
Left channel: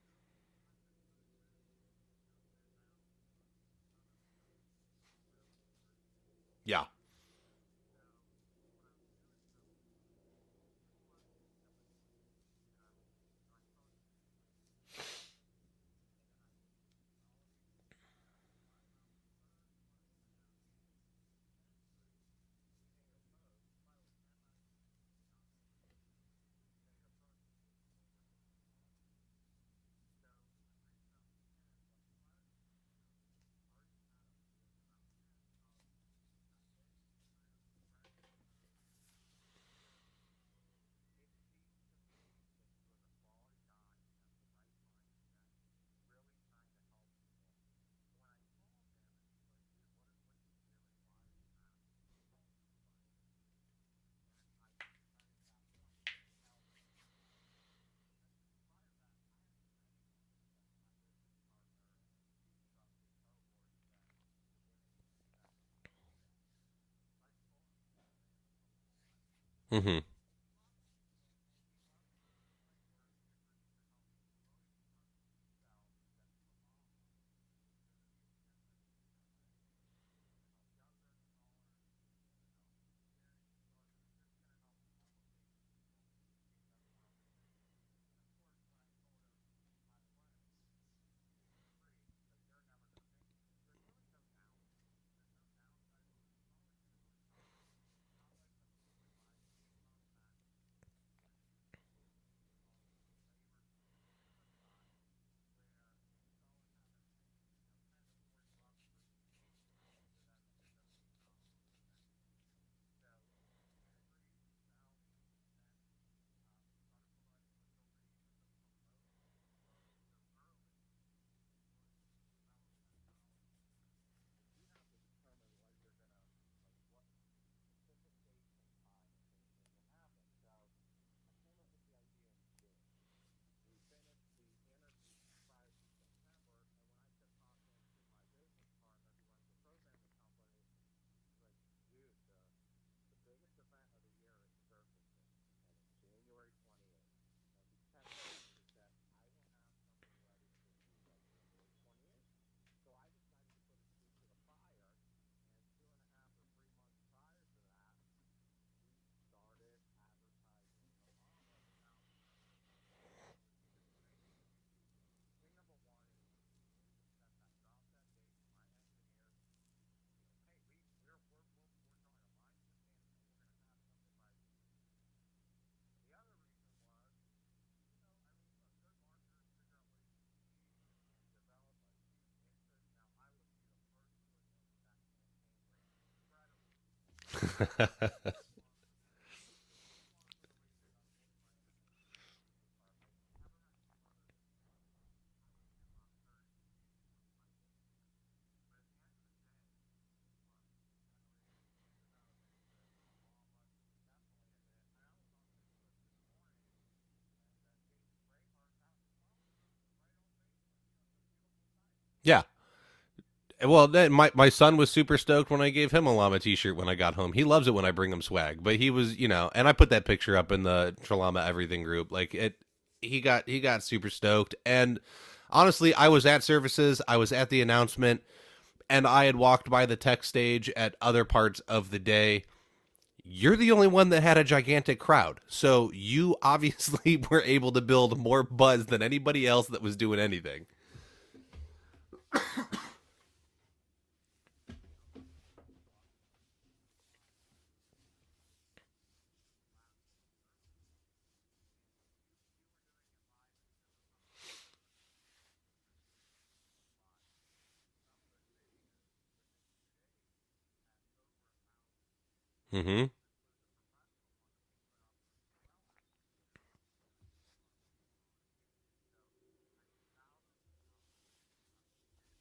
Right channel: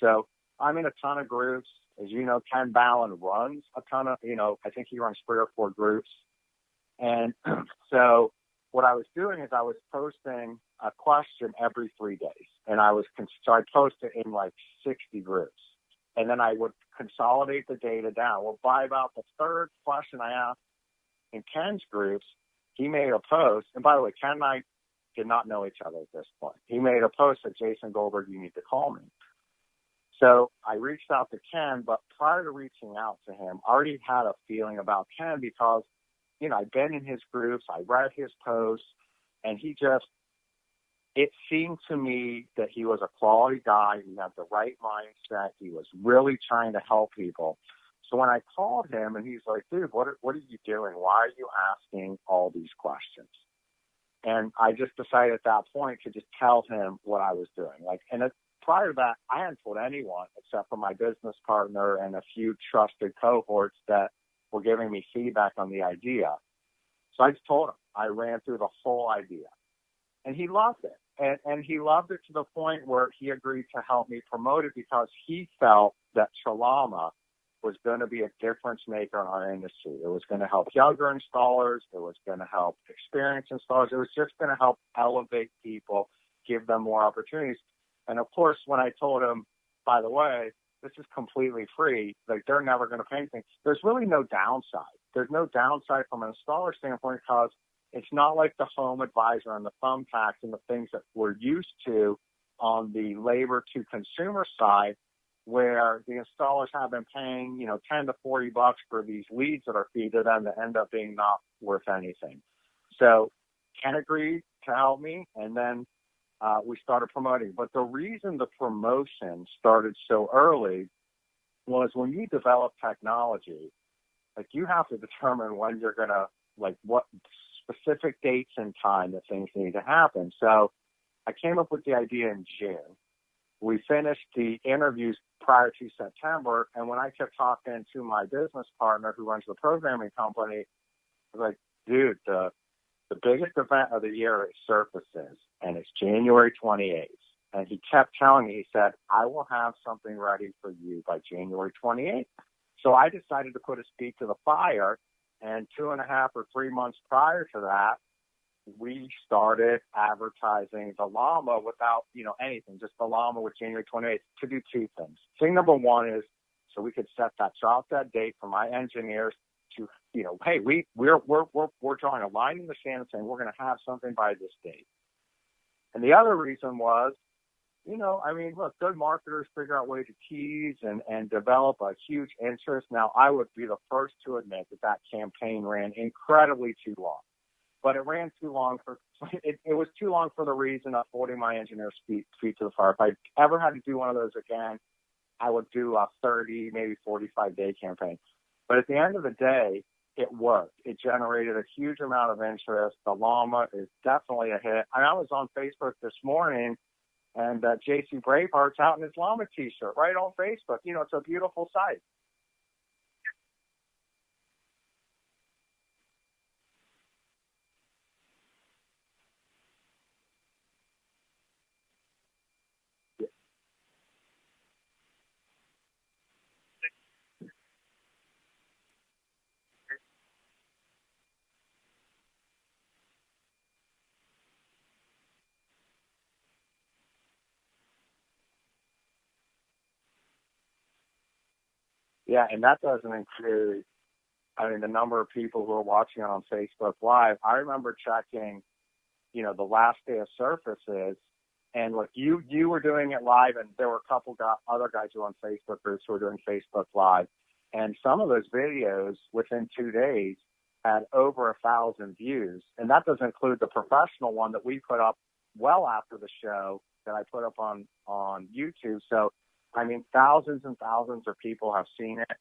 So I'm in a ton of groups. As you know, Ken Ballin runs a ton of, I think he runs 3 or 4 groups. Yeah. And so what I was doing is I was posting a question every 3 days. And so I posted in like 60 groups. And then I would consolidate the data down. Well, by about the 3rd question I asked in Ken's groups, he made a post. And by the way, Ken and I did not know each other at this point. He made a post that Jason Goldberg, you need to call me. So I reached out to Ken, but prior to reaching out to him, I already had a feeling about Ken because, I'd been in his groups, I read his posts, and it seemed to me that he was a quality guy. He had the right mindset. He was really trying to help people. So when I called him and he's like, dude, what are you doing? Why are you asking all these questions? And I just decided at that point to just tell him what I was doing. Prior to that, I hadn't told anyone except for my business partner and a few trusted cohorts that were giving me feedback on the idea. So I just told him. I ran through the whole idea. Mm-hmm. And he loved it. And he loved it to the point where he agreed to help me promote it because he felt that TraLama was going to be a difference maker in our industry. It was going to help younger installers. It was going to help experienced installers. It was just going to help elevate people, give them more opportunities. And of course, when I told him, by the way, this is completely free, like they're never going to pay anything, there's really no downside. There's no downside from an installer standpoint because it's not like the Home Advisor and the thumbtacks and the things that we're used to on the labor to consumer side, where the installers have been paying, $10 to $40 for these leads that are fed to them that end up being not worth anything. So Ken agreed to help me, and then we started promoting. But the reason the promotion started so early was when you develop technology, like you have to determine when you're going to, like what specific dates and time that things need to happen. So I came up with the idea in June. We finished the interviews prior to September, and when I kept talking to my business partner who runs the programming company, I was like, dude, the biggest event of the year is Surfaces, and it's January 28th. And he kept telling me, he said, I will have something ready for you by January 28th. So I decided to put a speed to the fire, and 2.5 or 3 months prior to that, we started advertising the Llama without, anything, just the Llama with January 28th to do 2 things. Thing number 1 is so we could drop that date for my engineers to, hey, we're drawing a line in the sand and saying we're going to have something by this date. And the other reason was, look, good marketers figure out ways to tease and develop a huge interest. Now, I would be the first to admit that campaign ran incredibly too long. But it ran too long it was too long for the reason of holding my engineers' feet to the fire. If I ever had to do one of those again, I would do a 30, maybe 45-day campaign. But at the end of the day, it worked. It generated a huge amount of interest. The Llama is definitely a hit. I was on Facebook this morning, and JC Braveheart's out in his Llama T-shirt right on Facebook. It's a beautiful sight. Yeah. Well, my son was super stoked when I gave him a Llama T-shirt when I got home. He loves it when I bring him swag. But he was, and I put that picture up in the TraLama Everything group. Like he got super stoked. And honestly, I was at Services. I was at the announcement, and I had walked by the tech stage at other parts of the day. You're the only one that had a gigantic crowd. So you obviously were able to build more buzz than anybody else that was doing anything. Yeah, and that doesn't include, the number of people who are watching on Facebook Live. I remember checking, the last day of Surfaces, and look, you were doing it live, and there were a couple other guys who were on Facebook groups who were doing Facebook Live. And some of those videos within 2 days had over 1,000 views. Mm-hmm. And that doesn't include the professional one that we put up well after the show that I put up on YouTube. So I mean, thousands and thousands of people have seen it.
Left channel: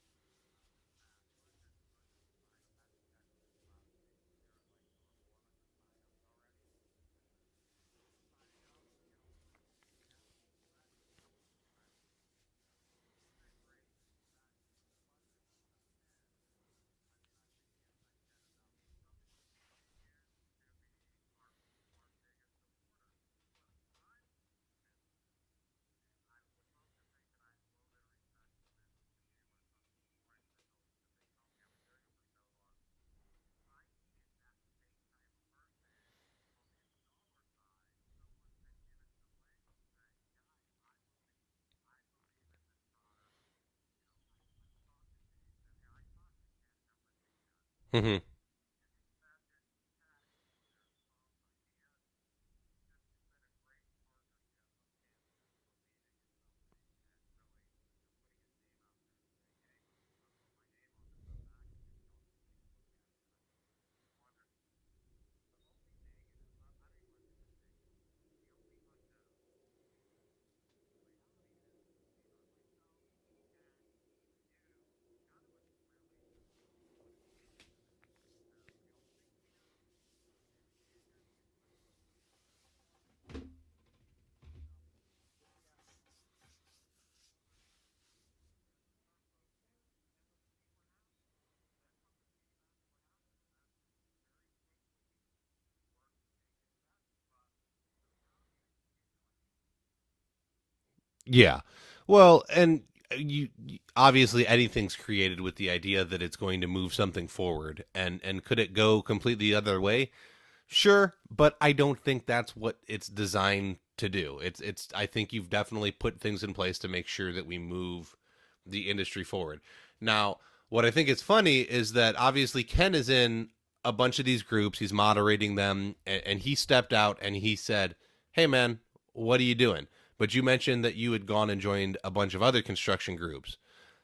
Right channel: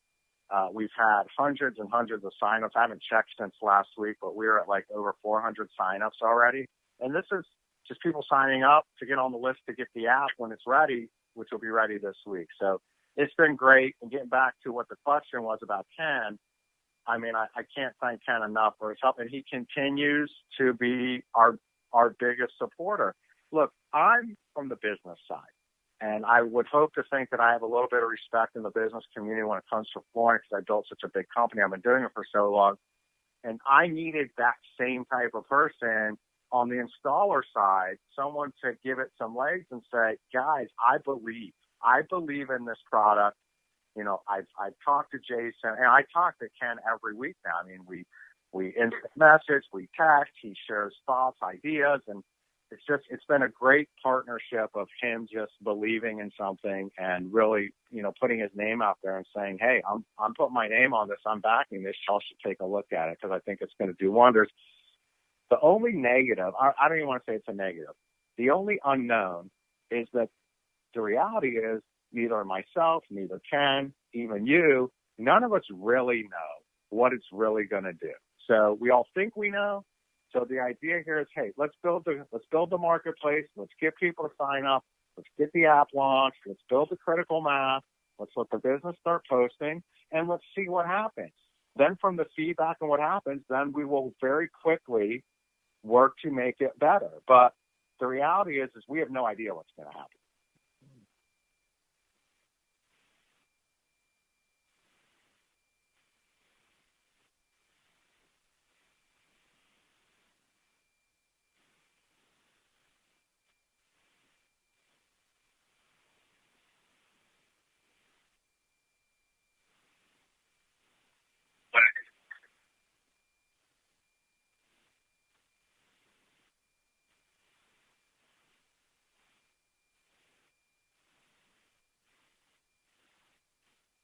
We've had hundreds and hundreds of signups. I haven't checked since last week, but we're at like over 400 signups already. And this is just people signing up to get on the list to get the app when it's ready, which will be ready this week. So it's been great. And getting back to what the question was about Ken, I mean, I can't thank Ken enough for his help. And he continues to be our biggest supporter. Look, I'm from the business side. And I would hope to think that I have a little bit of respect in the business community when it comes to flooring because I built such a big company. I've been doing it for so long. And I needed that same type of person on the installer side, someone to give it some legs and say, guys, I believe in this product. You know, I've talked to Jason, and I talk to Ken every week now. I mean, we instant message, we text, he shares thoughts, ideas, and it's been a great partnership of him just believing in something and really, you know, putting his name out there and saying, hey, I'm putting my name on this. I'm backing this. Y'all should take a look at it because I think it's going to do wonders. The only negative, I don't even want to say it's a negative. The only unknown is that the reality is neither myself, neither Ken, even you, none of us really know what it's really going to do. So we all think we know. So the idea here is, hey, let's build the marketplace. Let's get people to sign up. Let's get the app launched. Let's build the critical mass. Let's let the business start posting, and let's see what happens. Then from the feedback and what happens, then we will very quickly work to make it better. But the reality is we have no idea what's going to happen. Yeah. Well, and you obviously anything's created with the idea that it's going to move something forward, and could it go completely the other way? Sure, but I don't think that's what it's designed to do. It's I think you've definitely put things in place to make sure that we move the industry forward. Now, what I think is funny is that obviously Ken is in a bunch of these groups, he's moderating them, and he stepped out and he said, "Hey man, what are you doing?" But you mentioned that you had gone and joined a bunch of other construction groups.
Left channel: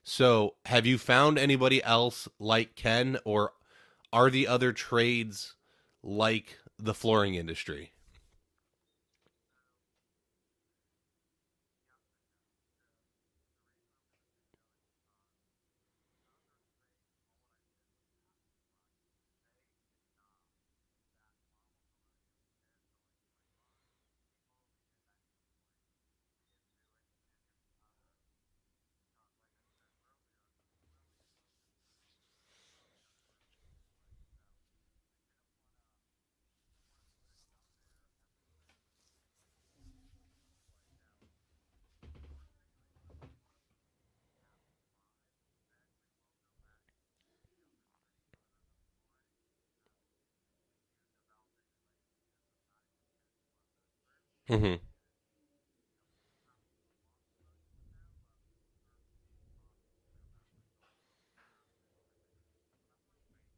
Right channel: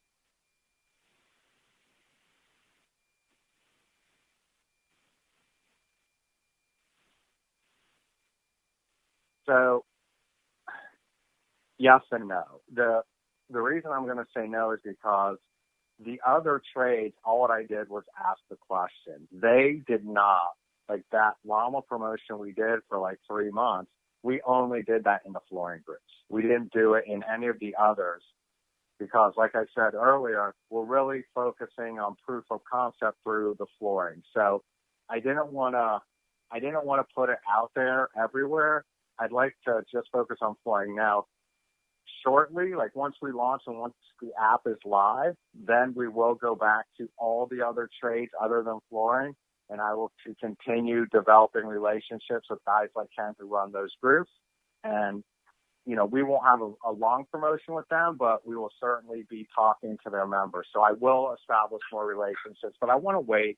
So have you found anybody else like Ken, or are the other trades like the flooring industry? So yes and no. The reason I'm going to say no is because the other trades, all what I did was ask the question. They did not, like that llama promotion we did for like 3 months, we only did that in the flooring groups. We didn't do it in any of the others because, like I said earlier, we're really focusing on proof of concept through the flooring. So I didn't want to put it out there everywhere. I'd like to just focus on flooring now. Shortly, like once we launch and once the app is live, then we will go back to all the other trades other than flooring, and I will continue developing relationships with guys like Ken who run those groups. And, you know, we won't have a long promotion with them, but we will certainly be talking to their members. So I will establish more relationships, but I want to wait.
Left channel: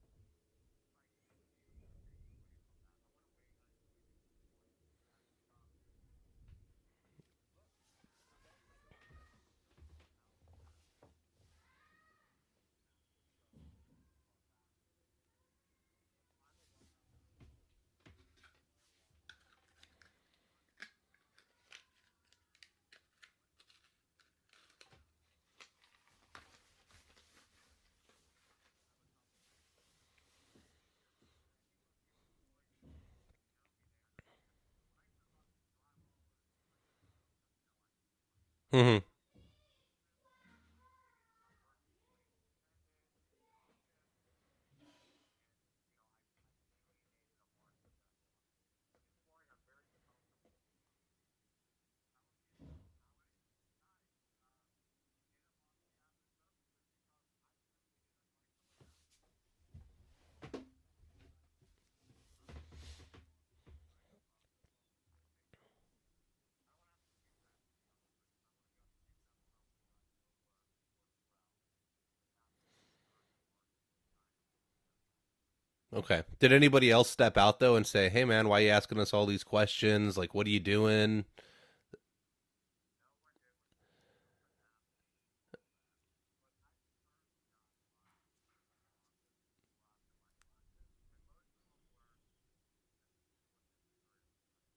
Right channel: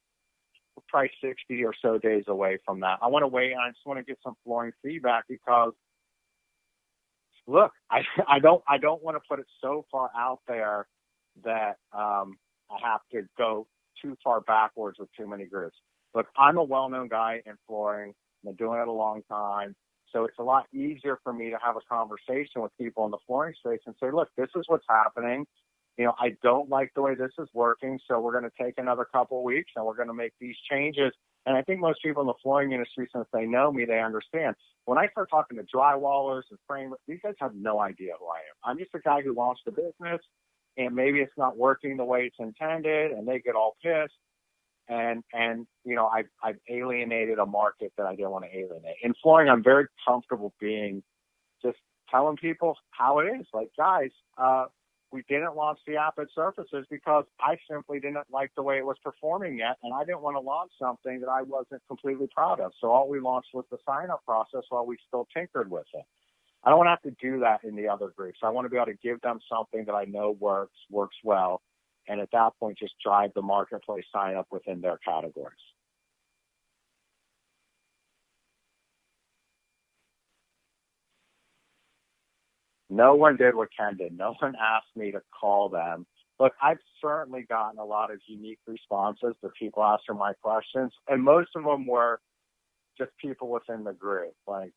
We're probably 60 or so days away from that. I want to wait, and I just want to get some flooring feedback because, look, I don't want to put it so far out there that I have to go too far backwards with too many groups. Look, I'm a well-known guy in flooring. I've been doing it a long time. So it's a lot easier for me to have a conversation with people in the flooring space and say, look, this is what's happening. You know, I don't like the way this is working, so we're going to take another couple of weeks and we're going to make these changes. And I think most people in the flooring industry, since they know me, they understand. When I start talking to drywallers and framers, these guys have no idea who I am. I'm the guy who launched the business, and maybe it's not working the way it's intended, and they get all pissed. And you know, I've alienated a market that I didn't want to alienate. In flooring, I'm very comfortable being just telling people how it is. Like, guys, we didn't launch the app at Surfaces because I simply didn't like the way it was performing yet, and I didn't want to launch something that I wasn't completely proud of. So all we launched was the sign-up process while we still tinkered with it. I don't want to have to do that in the other groups. I want to be able to give them something that I know works well, and at that point just drive the marketplace sign-up within their categories. Okay. Did anybody else step out, though, and say, hey, man, why are you asking us all these questions? Like, what are you doing? No one did what Ken did. No one asked me to call them. Look, I've certainly gotten a lot of unique responses to people asking my questions, and most of them were just people within the group. Like,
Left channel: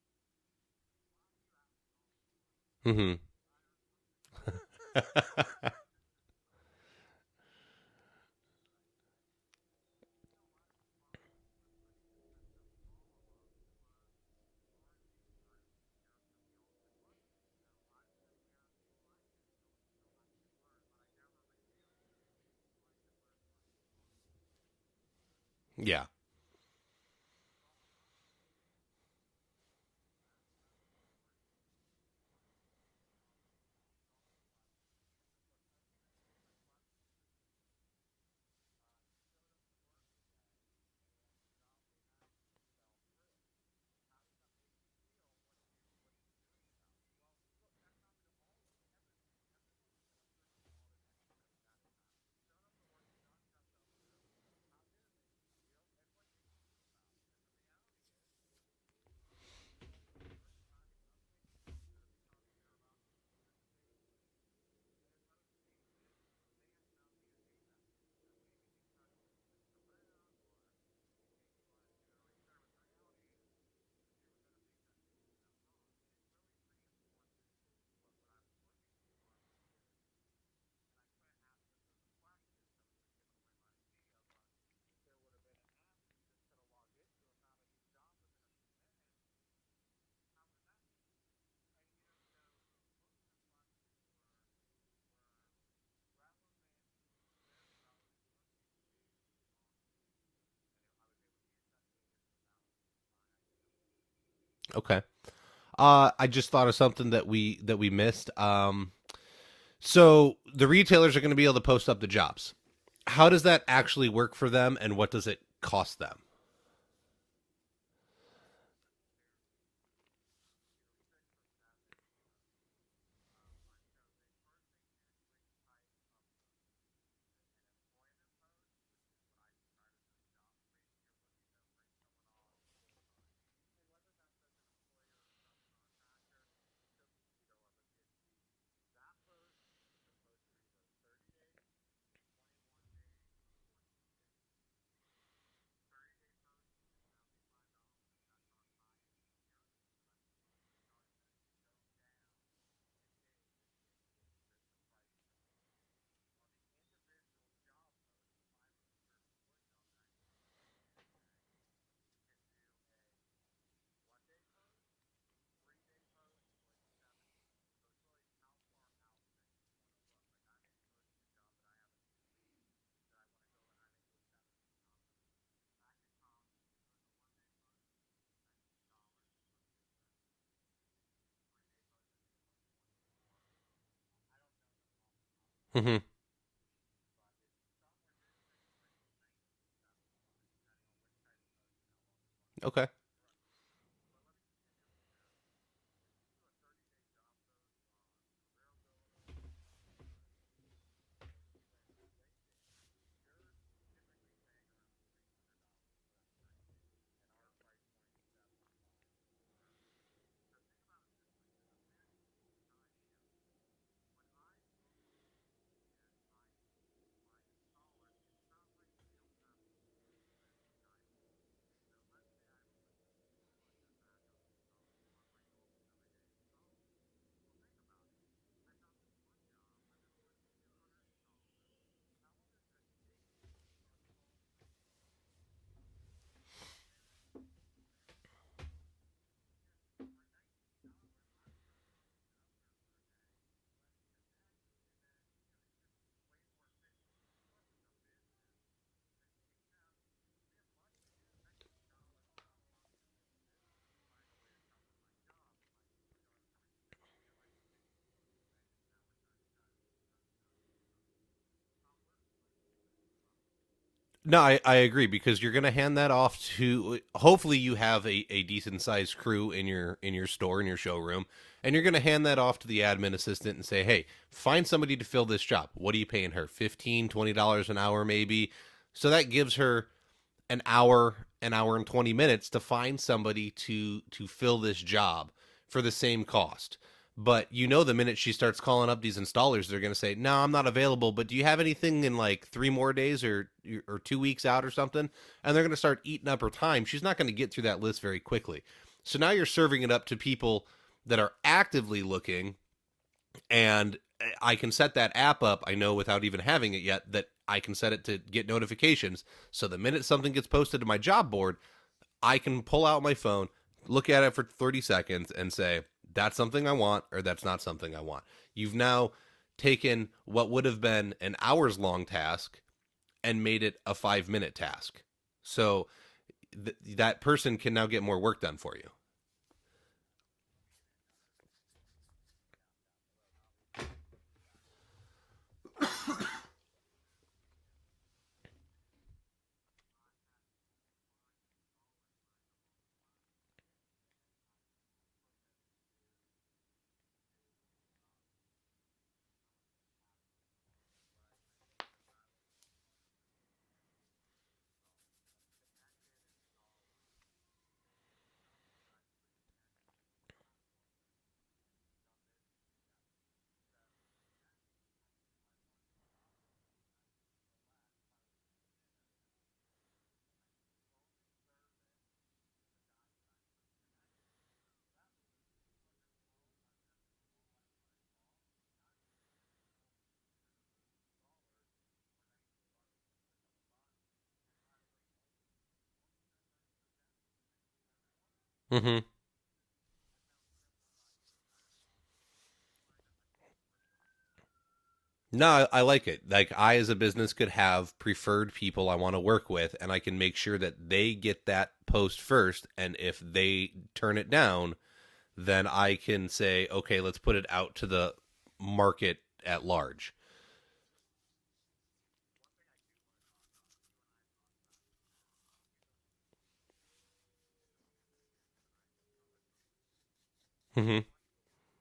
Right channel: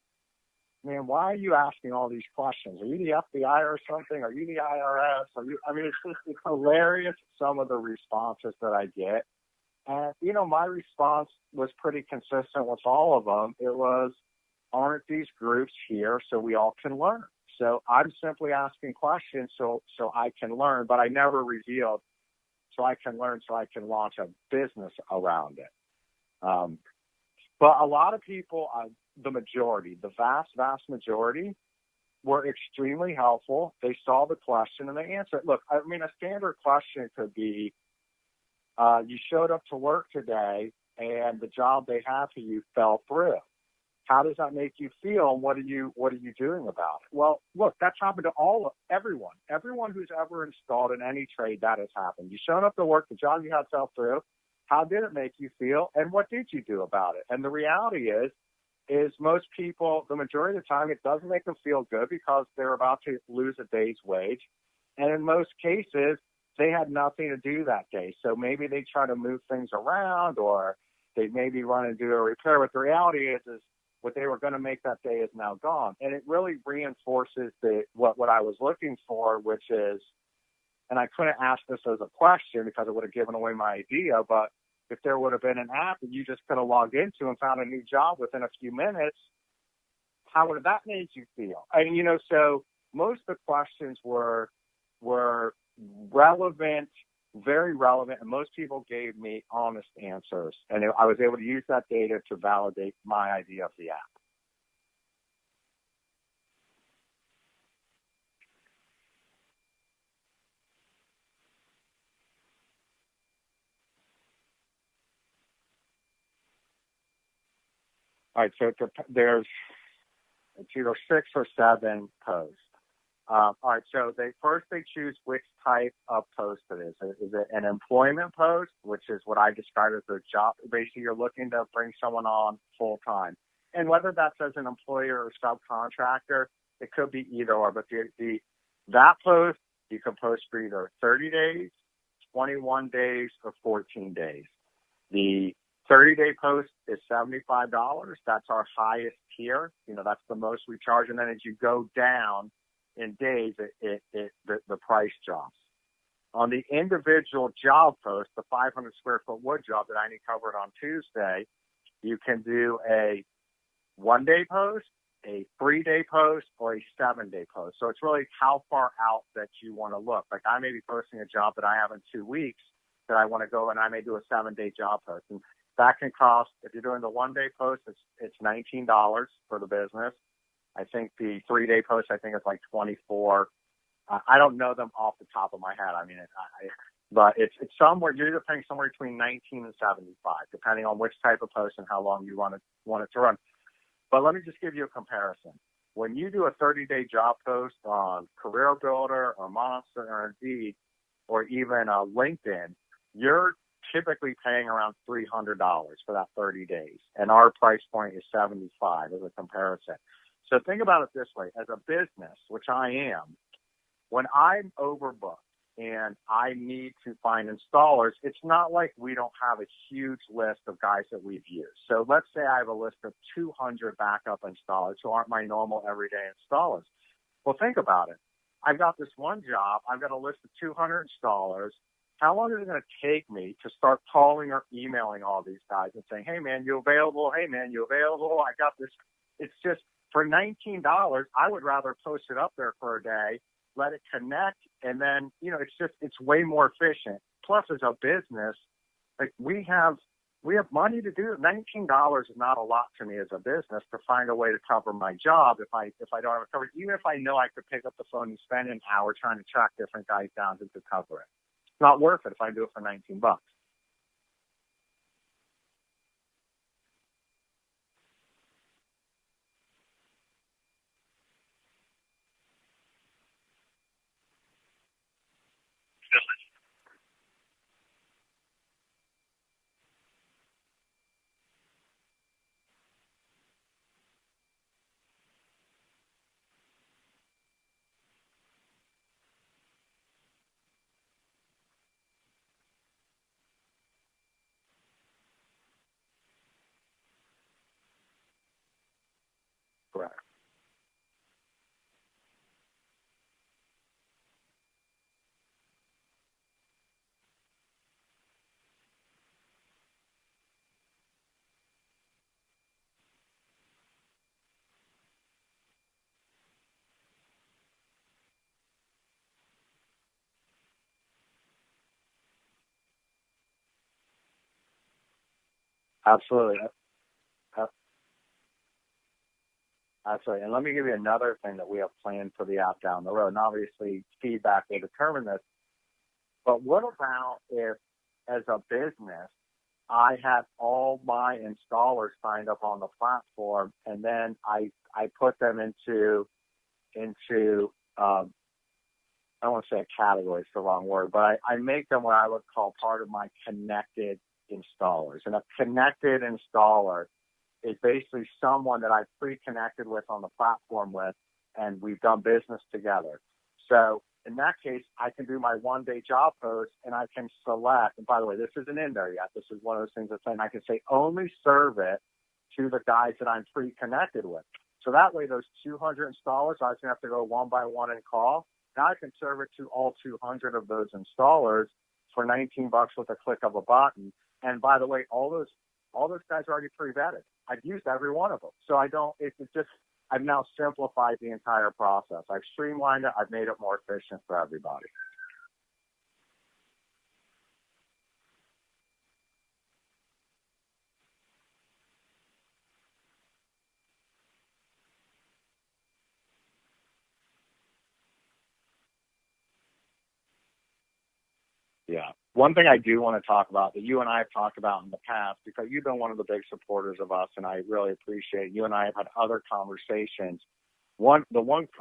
man, why are you asking all these questions? Are you the FBI or something? Are you the IRS? I mean, it's hilarious, some of the responses that I get. And, my response was pretty consistent with all of them. It was, aren't these groups here so we all can learn? So I'm simply asking questions so I can learn, but I never revealed so I can learn so I can launch a business around it. Yeah. But a lot of people, the majority, the vast, vast majority, were extremely helpful. They saw the question and they answered. Look, I mean, a standard question could be, you showed up to work today and the job they have for you fell through. How does that make you feel? And what are you doing about it? Well, look, that's happened to everyone who's ever installed in any trade. That has happened. You showed up to work, the job you had fell through. How did it make you feel? And what did you do about it? And the reality is most people, the majority of the time, it doesn't make them feel good because they're about to lose a day's wage. And in most cases, they had nothing to do that day. So maybe they try to move things around or they maybe run and do a repair. But the reality is what they were going to make that day is now gone. And it really reinforces what I was looking for, which is, and I couldn't ask this as a question because it would have given away my idea, but if there would have been an app that you just could have logged into and found a new job within a few minutes, how would that make you feel? And, so most of the questions were relevant, very relevant, and most people gave me honest answers. And I was able to use that data to validate my idea of the app. Okay. I just thought of something that we missed. So the retailers are going to be able to post up the jobs. How does that actually work for them, and what does it cost them? All right, so there's either 6 or 7 posts. All right, so they choose which type of post it is. Is it an employment post, which is what I described as a job? Basically, you're looking to bring someone on full time. And whether that's as an employer or subcontractor, it could be either or. But that post, you can post for either 30 days, 21 days, or 14 days. The 30-day post is $75. That's our highest tier. That's the most we charge. And then as you go down in days, the price drops. On the individual job post, the 500 square foot wood job that I covered on Tuesday, you can do a 1-day post, a 3-day post, or a 7-day post. So it's really how far out that you want to look. Like I may be posting a job that I have in 2 weeks that I want to go, and I may do a 7-day job post. And that can cost, if you're doing the 1-day post, it's $19 for the business. I think the 3-day post, is like $24. I don't know them off the top of my head. I mean, but it's somewhere, you're either paying somewhere between $19 and $75, depending on which type of post and how long you want it to run. But let me just give you a comparison. When you do a 30-day job post on Career Builder or Monster or Indeed or even LinkedIn, you're typically paying around $300 for that 30 days. And our price point is $75 as a comparison. So think about it this way. As a business, which I am, when I'm overbooked and I need to find installers, it's not like we don't have a huge list of guys that we've used. So let's say I have a list of 200 backup installers who aren't my normal everyday installers. Well, think about it. I've got this one job. I've got a list of 200 installers. How long is it going to take me to start calling or emailing all these guys and saying, hey, man, you available? Hey, man, you available? I got this. It's just for $19, I would rather post it up there for a day, let it connect, and then, it's way more efficient. Plus, as a business, like we have money to do it. $19 is not a lot to me as a business to find a way to cover my job if I don't have it covered. Even if I know I could pick up the phone and spend an hour trying to track different guys down to cover it. It's not worth it if I do it for $19. No, I agree, because you're going to hand that off to, hopefully you have a decent sized crew in your store, in your showroom, and you're going to hand that off to the admin assistant and say, hey, find somebody to fill this job. What are you paying her? $15, $20 an hour maybe? So that gives her an hour and 20 minutes to find somebody to fill this job for the same cost. But the minute she starts calling up these installers, they're going to say, no, I'm not available, but do you have anything in like 3 more days or 2 weeks out or something? And they're going to start eating up her time. She's not going to get through that list very quickly. So now you're serving it up to people that are actively looking, and I can set that app up, I know, without even having it yet, that I can set it to get notifications. So the minute something gets posted to my job board, I can pull out my phone, look at it for 30 seconds, and say, that's something I want, or that's not something I want. You've now taken what would have been an hours-long task and made it a 5-minute task. So Absolutely. That person can now get more work done for you. Absolutely. And let me give you another thing that we have planned for the app down the road. And obviously, feedback will determine this. But what about if, as a business, I had all my installers signed up on the platform, and then I put them into I don't want to say a category, it's the wrong word, but I make them what I would call part of my connected installers. And a connected installer is basically someone that I've pre-connected with on the platform with, and we've done business together. So in that case, I can do my one-day job post, and I can select, and by the way, this isn't in there yet. This is one of those things that's saying I can say only serve it to the guys that I'm pre-connected with. So that way, those 200 installers, I was going to have to go one by one and call. Now I can serve it to all 200 of those installers for $19 with a click of a button. And by the way, all those guys are already pre-vetted. I've used every one of them. So I've now simplified the entire process. I've streamlined it. I've made it more efficient for everybody. No, I like it. Like, I, as a business, could have preferred people I want to work with, and I can make sure that they get that post first. And if they turn it down, then I can say, okay, let's put it out to the market at large. Yeah. One thing I do want to talk about that you and I have talked about in the past, because you've been one of the big supporters of us, and I really appreciate it. You and I have had other conversations. Mm-hmm.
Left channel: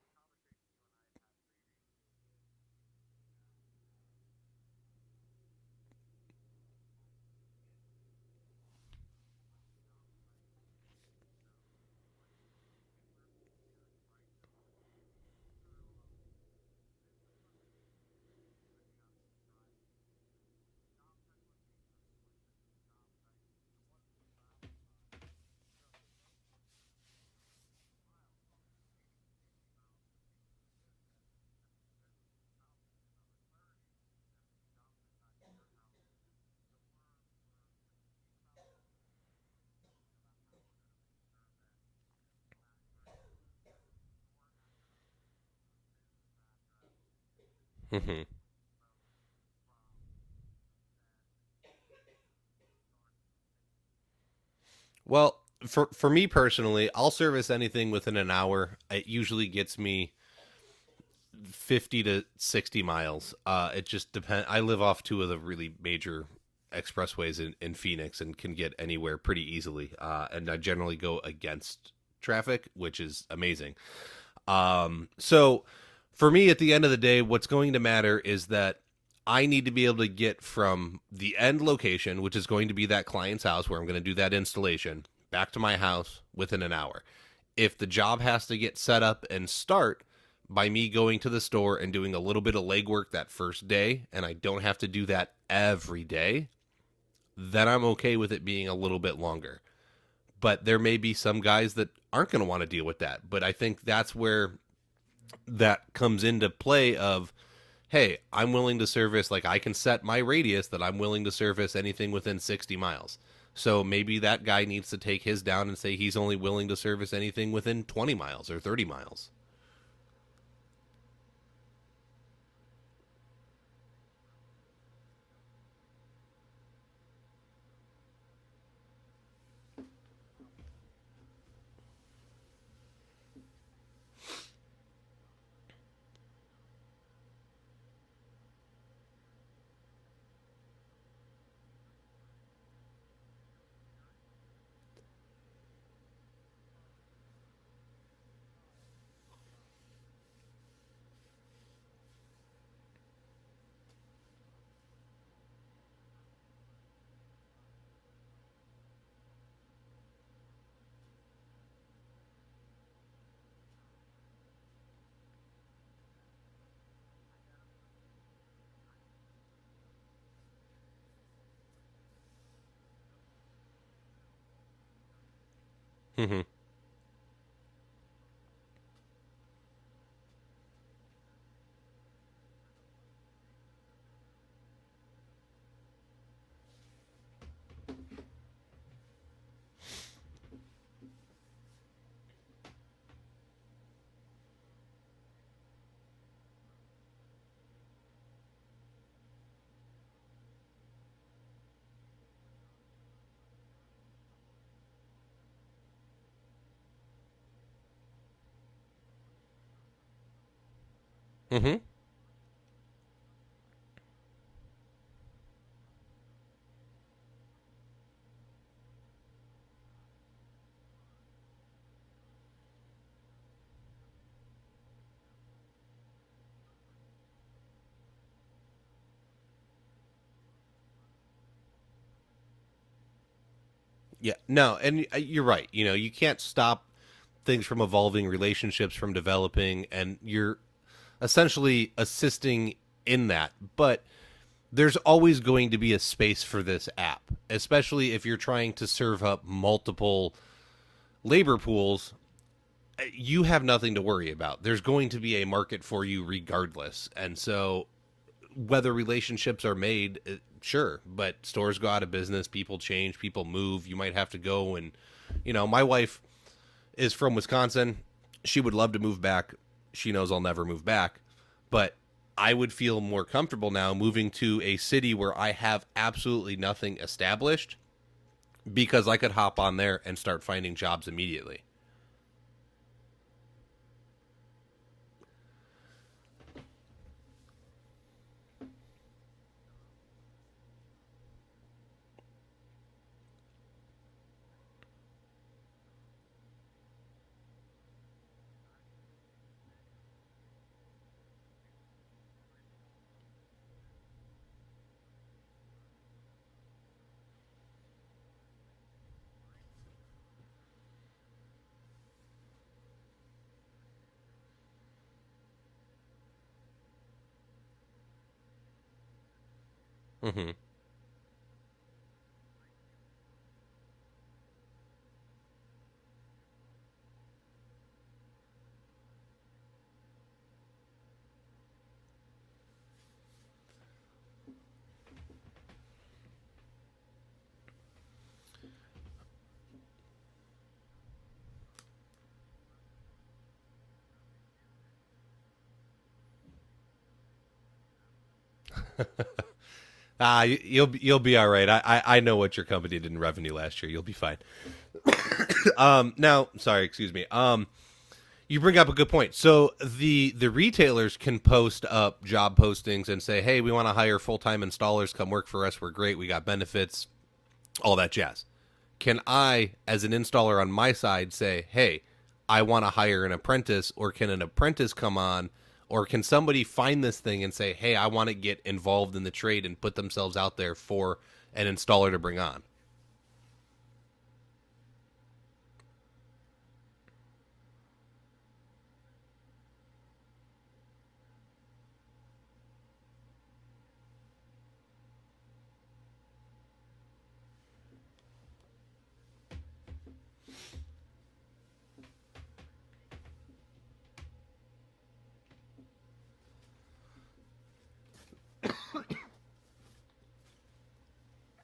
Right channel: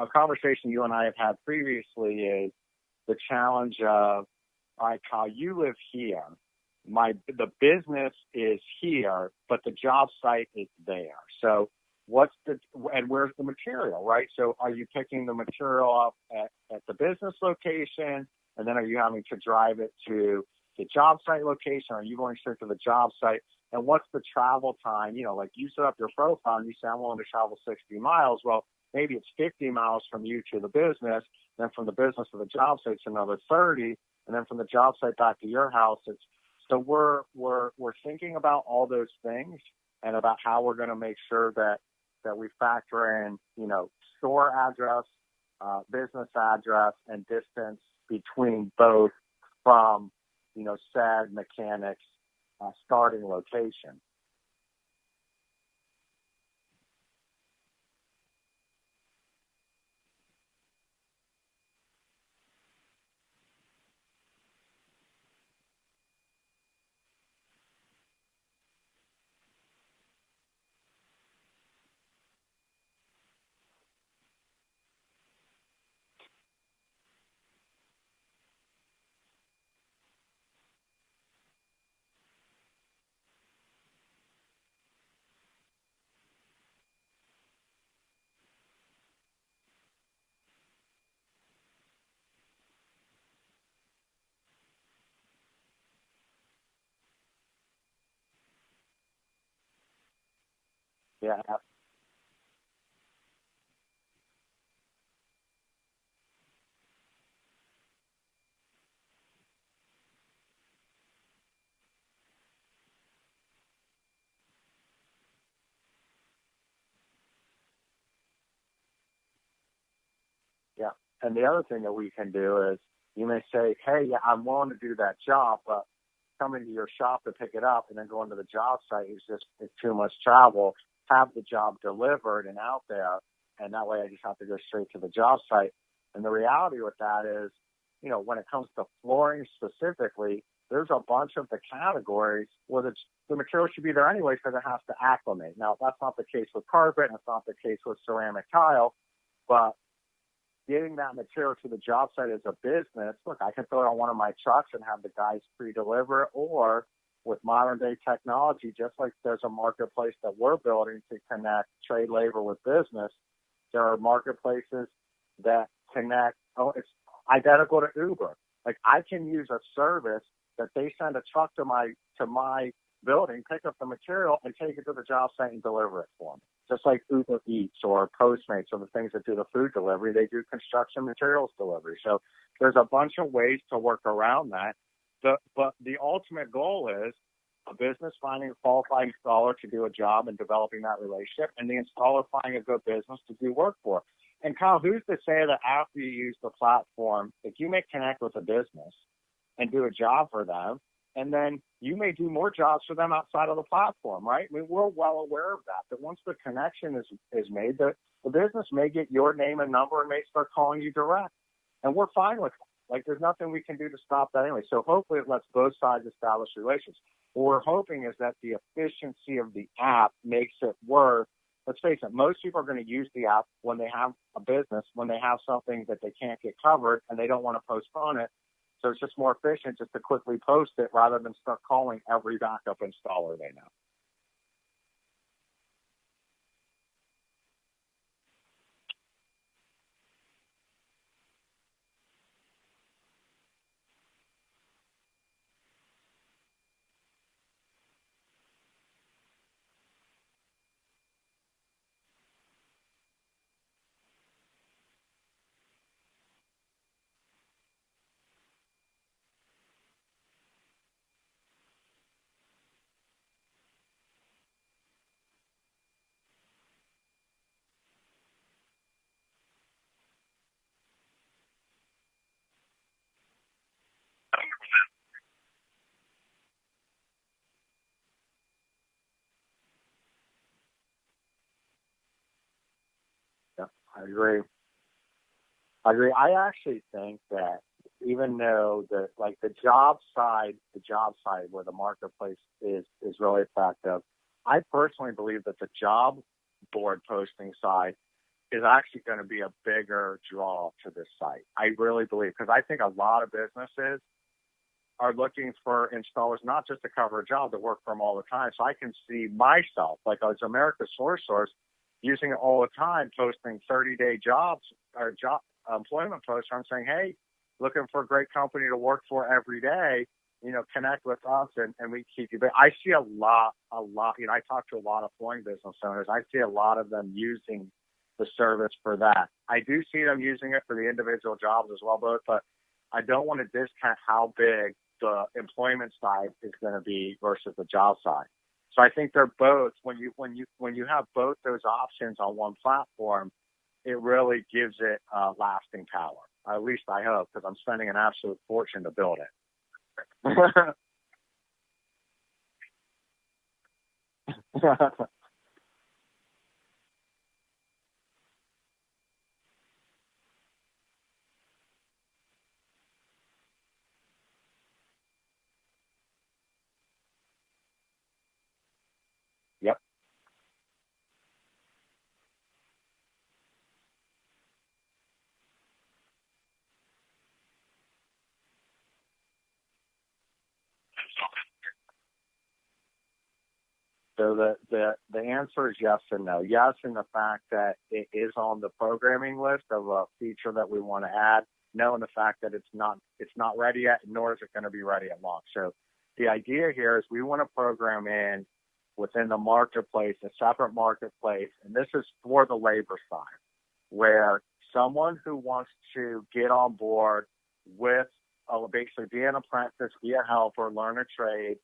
A conversation you and I have had previously is the challenge of, all right, Kyle, you live here. The business is here, but the job site is there. So and where's the material, right? So are you picking the material up at the business location, and then are you having to drive it to the job site location? Are you going straight to the job site? And what's the travel time? You know, like you set up your profile and you say, I'm willing to travel 60 miles. Well, maybe it's 50 miles from you to the business, then from the business to the job site, it's another 30, and then from the job site back to your house. So we're thinking about all those things and about how we're going to make sure that we factor in, you know, store address, business address, and distance between both from, you know, said mechanic's starting location. Well, for me personally, I'll service anything within an hour. It usually gets me 50 to 60 miles. It just depends. I live off two of the really major expressways in Phoenix and can get anywhere pretty easily. And I generally go against traffic, which is amazing. So for me, at the end of the day, what's going to matter is that I need to be able to get from the end location, which is going to be that client's house where I'm going to do that installation, back to my house within an hour. If the job has to get set up and start by me going to the store and doing a little bit of legwork that first day, and I don't have to do that every day, then I'm okay with it being a little bit longer. But there may be some guys that aren't going to want to deal with that. But I think that's where that comes into play of, hey, I'm willing to service, like I can set my radius that I'm willing to service anything within 60 miles. So maybe that guy needs to take his down and say he's only willing to service anything within 20 miles or 30 miles. Yeah. And the other thing that we can do is you may say, hey, yeah, I'm willing to do that job, but coming to your shop to pick it up and then going to the job site it's too much travel. Have the job delivered and out there, and that way I just have to go straight to the job site. And the reality with that is, you know, when it comes to flooring specifically, there's a bunch of the categories where the material should be there anyway because it has to acclimate. Now, that's not the case with carpet, and it's not the case with ceramic tile, but getting that material to the job site as a business, look, I can throw it on one of my trucks and have the guys pre-deliver, or with modern-day technology, just like there's a marketplace that we're building to connect trade labor with business, there are marketplaces that connect. It's identical to Uber. Like, I can use a service that they send a truck to my building, pick up the material, and take it to the job site and deliver it. Mm-hmm. just like Uber Eats or Postmates or the things that do the food delivery, they do construction materials delivery. So there's a bunch of ways to work around that. But the ultimate goal is a business finding a qualified installer to do a job and developing that relationship, and the installer finding a good business to do work for. And Kyle, who's to say that after you use the platform, if you may connect with a business and do a job for them, and then you may do more jobs for them outside of the platform, right? I mean, we're well aware of that once the connection is made, the business may get your name and number and may start calling you direct. Mm-hmm. And we're fine with it. Like, there's nothing we can do to stop that anyway. So hopefully it lets both sides establish relations. What we're hoping is that the efficiency of the app makes it worth. Let's face it, most people are going to use the app when they have a business, when they have something that they can't get covered and they don't want to postpone it. So it's just more efficient just to quickly post it rather than start calling every backup installer they know. Yeah, no, and you're right. You know, you can't stop things from evolving, relationships from developing, and you're essentially assisting in that. But there's always going to be a space for this app, especially if you're trying to serve up multiple labor pools. You have nothing to worry about. There's going to be a market for you regardless. And so whether relationships are made, sure, but stores go out of business, people change, people move. You might have to go and, you know, my wife is from Wisconsin. She would love to move back. She knows I'll never move back, but I would feel more comfortable now moving to a city where I have absolutely nothing established, because I could hop on there and start finding jobs immediately. Yeah, I agree. I actually think that even though the job side where the marketplace is really effective, I personally believe that the job board posting side is actually going to be a bigger draw to this site. I really believe, because I think a lot of businesses are looking for installers not just to cover a job, to work for them all the time. So I can see myself, like as America's Source, using it all the time, posting 30-day jobs or job employment posts. I'm saying, hey, looking for a great company to work for every day, Mm-hmm. you know, connect with us and we keep you. But I see a lot, you know, I talk to a lot of flooring business owners. I see a lot of them using the service for that. I do see them using it for the individual jobs as well, but I don't want to discount how big the employment side is going to be versus the job side. So I think they're both, when you have both those options on one platform, it really gives it lasting power. At least I hope, because I'm spending an absolute fortune to build it. You'll be all right. I know what your company did in revenue last year. You'll be fine. Now, sorry, excuse me. You bring up a good point. So the retailers can post up job postings and say, hey, we want to hire full-time installers. Come work for us. We're great. We got benefits, all that jazz. Can I, as an installer on my side, say, hey, I want to hire an apprentice, or can an apprentice come on, or can somebody find this thing and say, hey, I want to get involved in the trade and put themselves out there for an installer to bring on? So the answer is yes and no. Yes, in the fact that it is on the programming list of a feature that we want to add. No, in the fact that it's not ready yet, nor is it going to be ready at launch. So the idea here is we want to program in within the marketplace, a separate marketplace, and this is for the labor side, where someone who wants to get on board with basically be an apprentice, be a helper, learn a trade,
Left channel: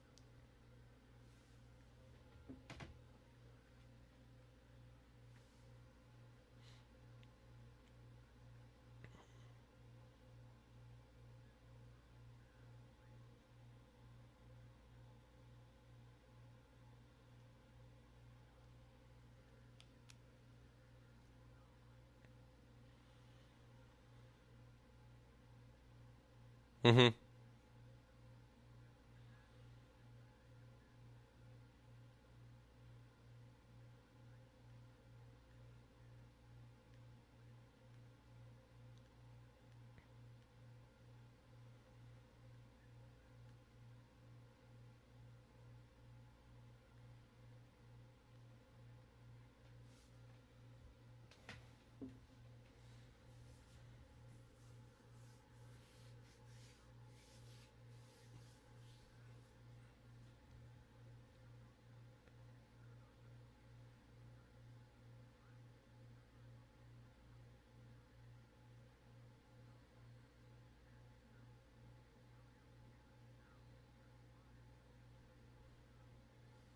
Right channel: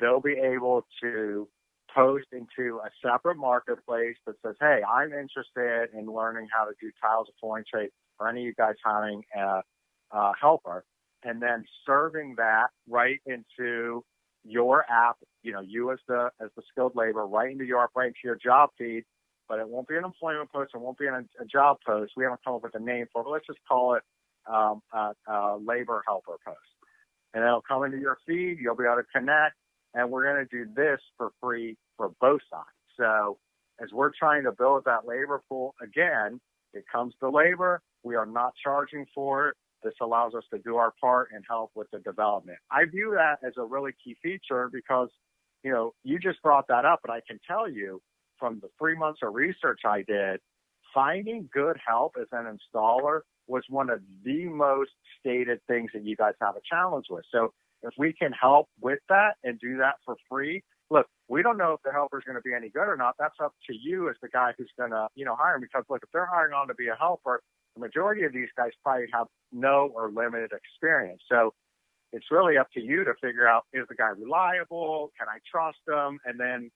they'll be able to post into a separate marketplace that says, hey, I'm interested in learning how to do tiles or flooring trade, or any of you guys hiring a helper, and then serving that right into your app, you know, you as the skilled labor, right into your job feed. But it won't be an employment post. It won't be a job post. We haven't come up with a name for it, but let's just call it a labor helper post. Mm-hmm. And it'll come into your feed. You'll be able to connect. And we're going to do this for free for both sides. So as we're trying to build that labor pool, again, it comes to labor. We are not charging for it. This allows us to do our part and help with the development. I view that as a really key feature because, you know, you just brought that up, and I can tell you from the 3 months of research I did, finding good help as an installer was one of the most stated things that you guys have a challenge with. So if we can help with that and do that for free, look, we don't know if the helper's going to be any good or not. That's up to you as the guy who's going to, hire him. Because, look, if they're hiring on to be a helper, the majority of these guys probably have no or limited experience. So it's really up to you to figure out, is the guy reliable? Can I trust him? And then,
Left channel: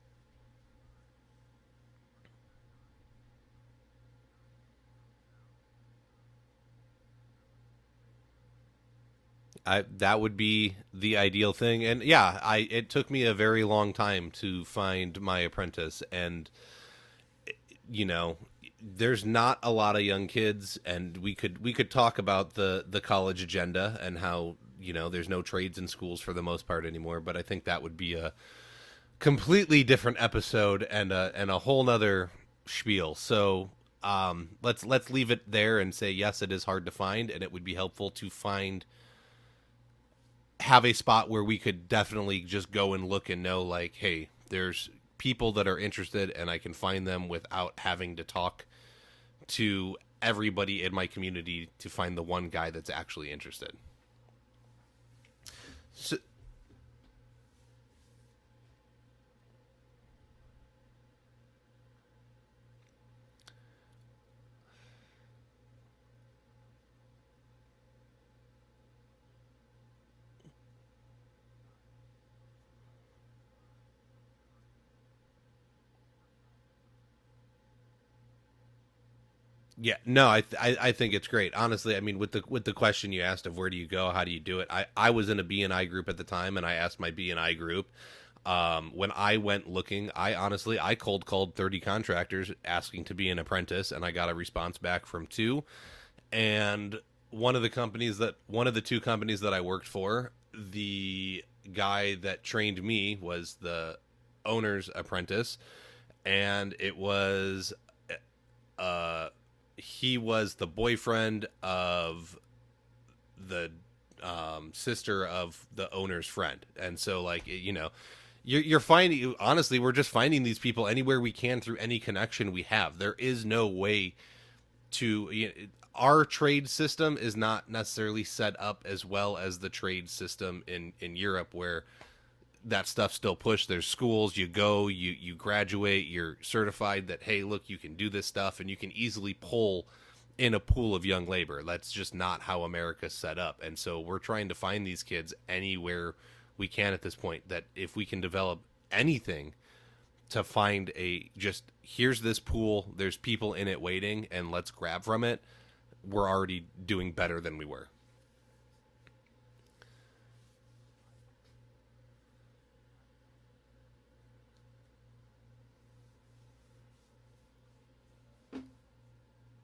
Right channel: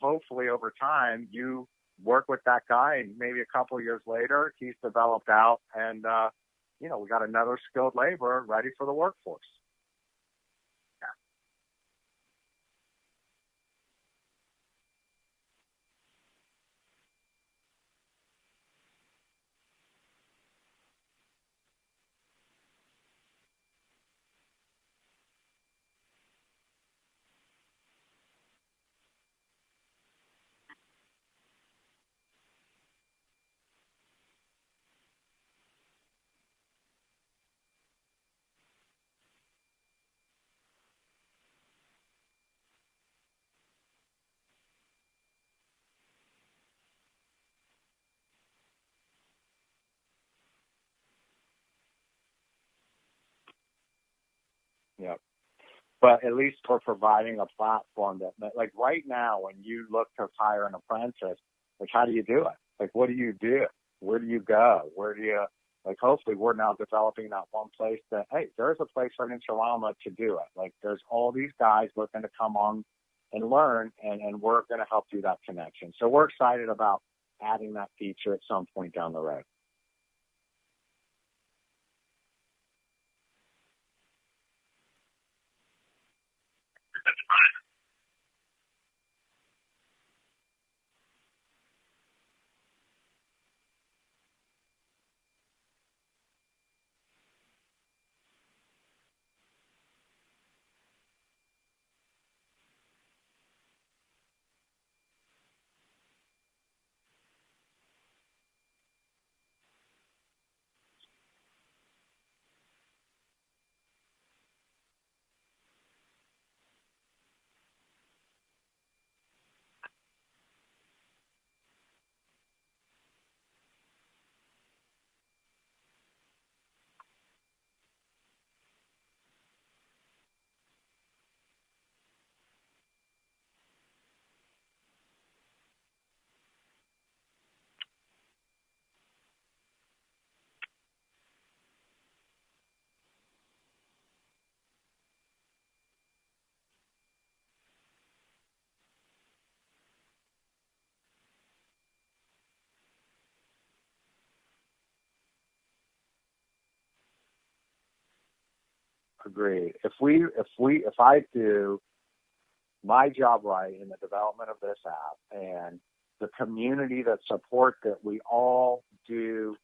hopefully over time you work with that guy, and maybe a couple of years later he's developed out, and we got another skilled laborer ready for the workforce. That would be the ideal thing. And yeah, it took me a very long time to find my apprentice, and there's not a lot of young kids, and we could talk about the college agenda and how there's no trades in schools for the most part anymore, but I think that would be a completely different episode and a whole nother spiel. So let's leave it there and say, yes, it is hard to find, and it would be helpful to have a spot where we could definitely just go and look and know, like, hey, there's people that are interested, and I can find them without having to talk to everybody in my community to find the one guy that's actually interested. Yeah. But at least we're providing a platform that, like, right now, when you look to hire an apprentice, like, how do you do it? Like, what do you do? Where do you go? Where do you, like, hopefully we're now developing that one place that, hey, there's a place right in TraLama to do it. Like, there's all these guys looking to come on and learn, and we're going to help do that connection. So we're excited about adding that feature at some point down the road. Yeah, no, I think it's great. Honestly, I mean, with the question you asked of where do you go, how do you do it, I was in a B&I group at the time, and I asked my B&I group, when I went looking, I cold called 30 contractors asking to be an apprentice, and I got a response back from 2. And one of the two companies that I worked for, the guy that trained me was the owner's apprentice, and it was he was the boyfriend of the sister of the owner's friend. And so, like, you're finding, honestly, we're just finding these people anywhere we can through any connection we have. There is no way to, our trade system is not necessarily set up as well as the trade system in Europe, where that stuff's still pushed. There's schools, you go, you graduate, you're certified that, hey, look, you can do this stuff, and you can easily pull in a pool of young labor. That's just not how America's set up. And so we're trying to find these kids anywhere we can at this point, that if we can develop anything to find here's this pool, there's people in it waiting, and let's grab from it, we're already doing better than we were. Agreed. If I do my job right in the development of this app, and the community that supports it, we all do,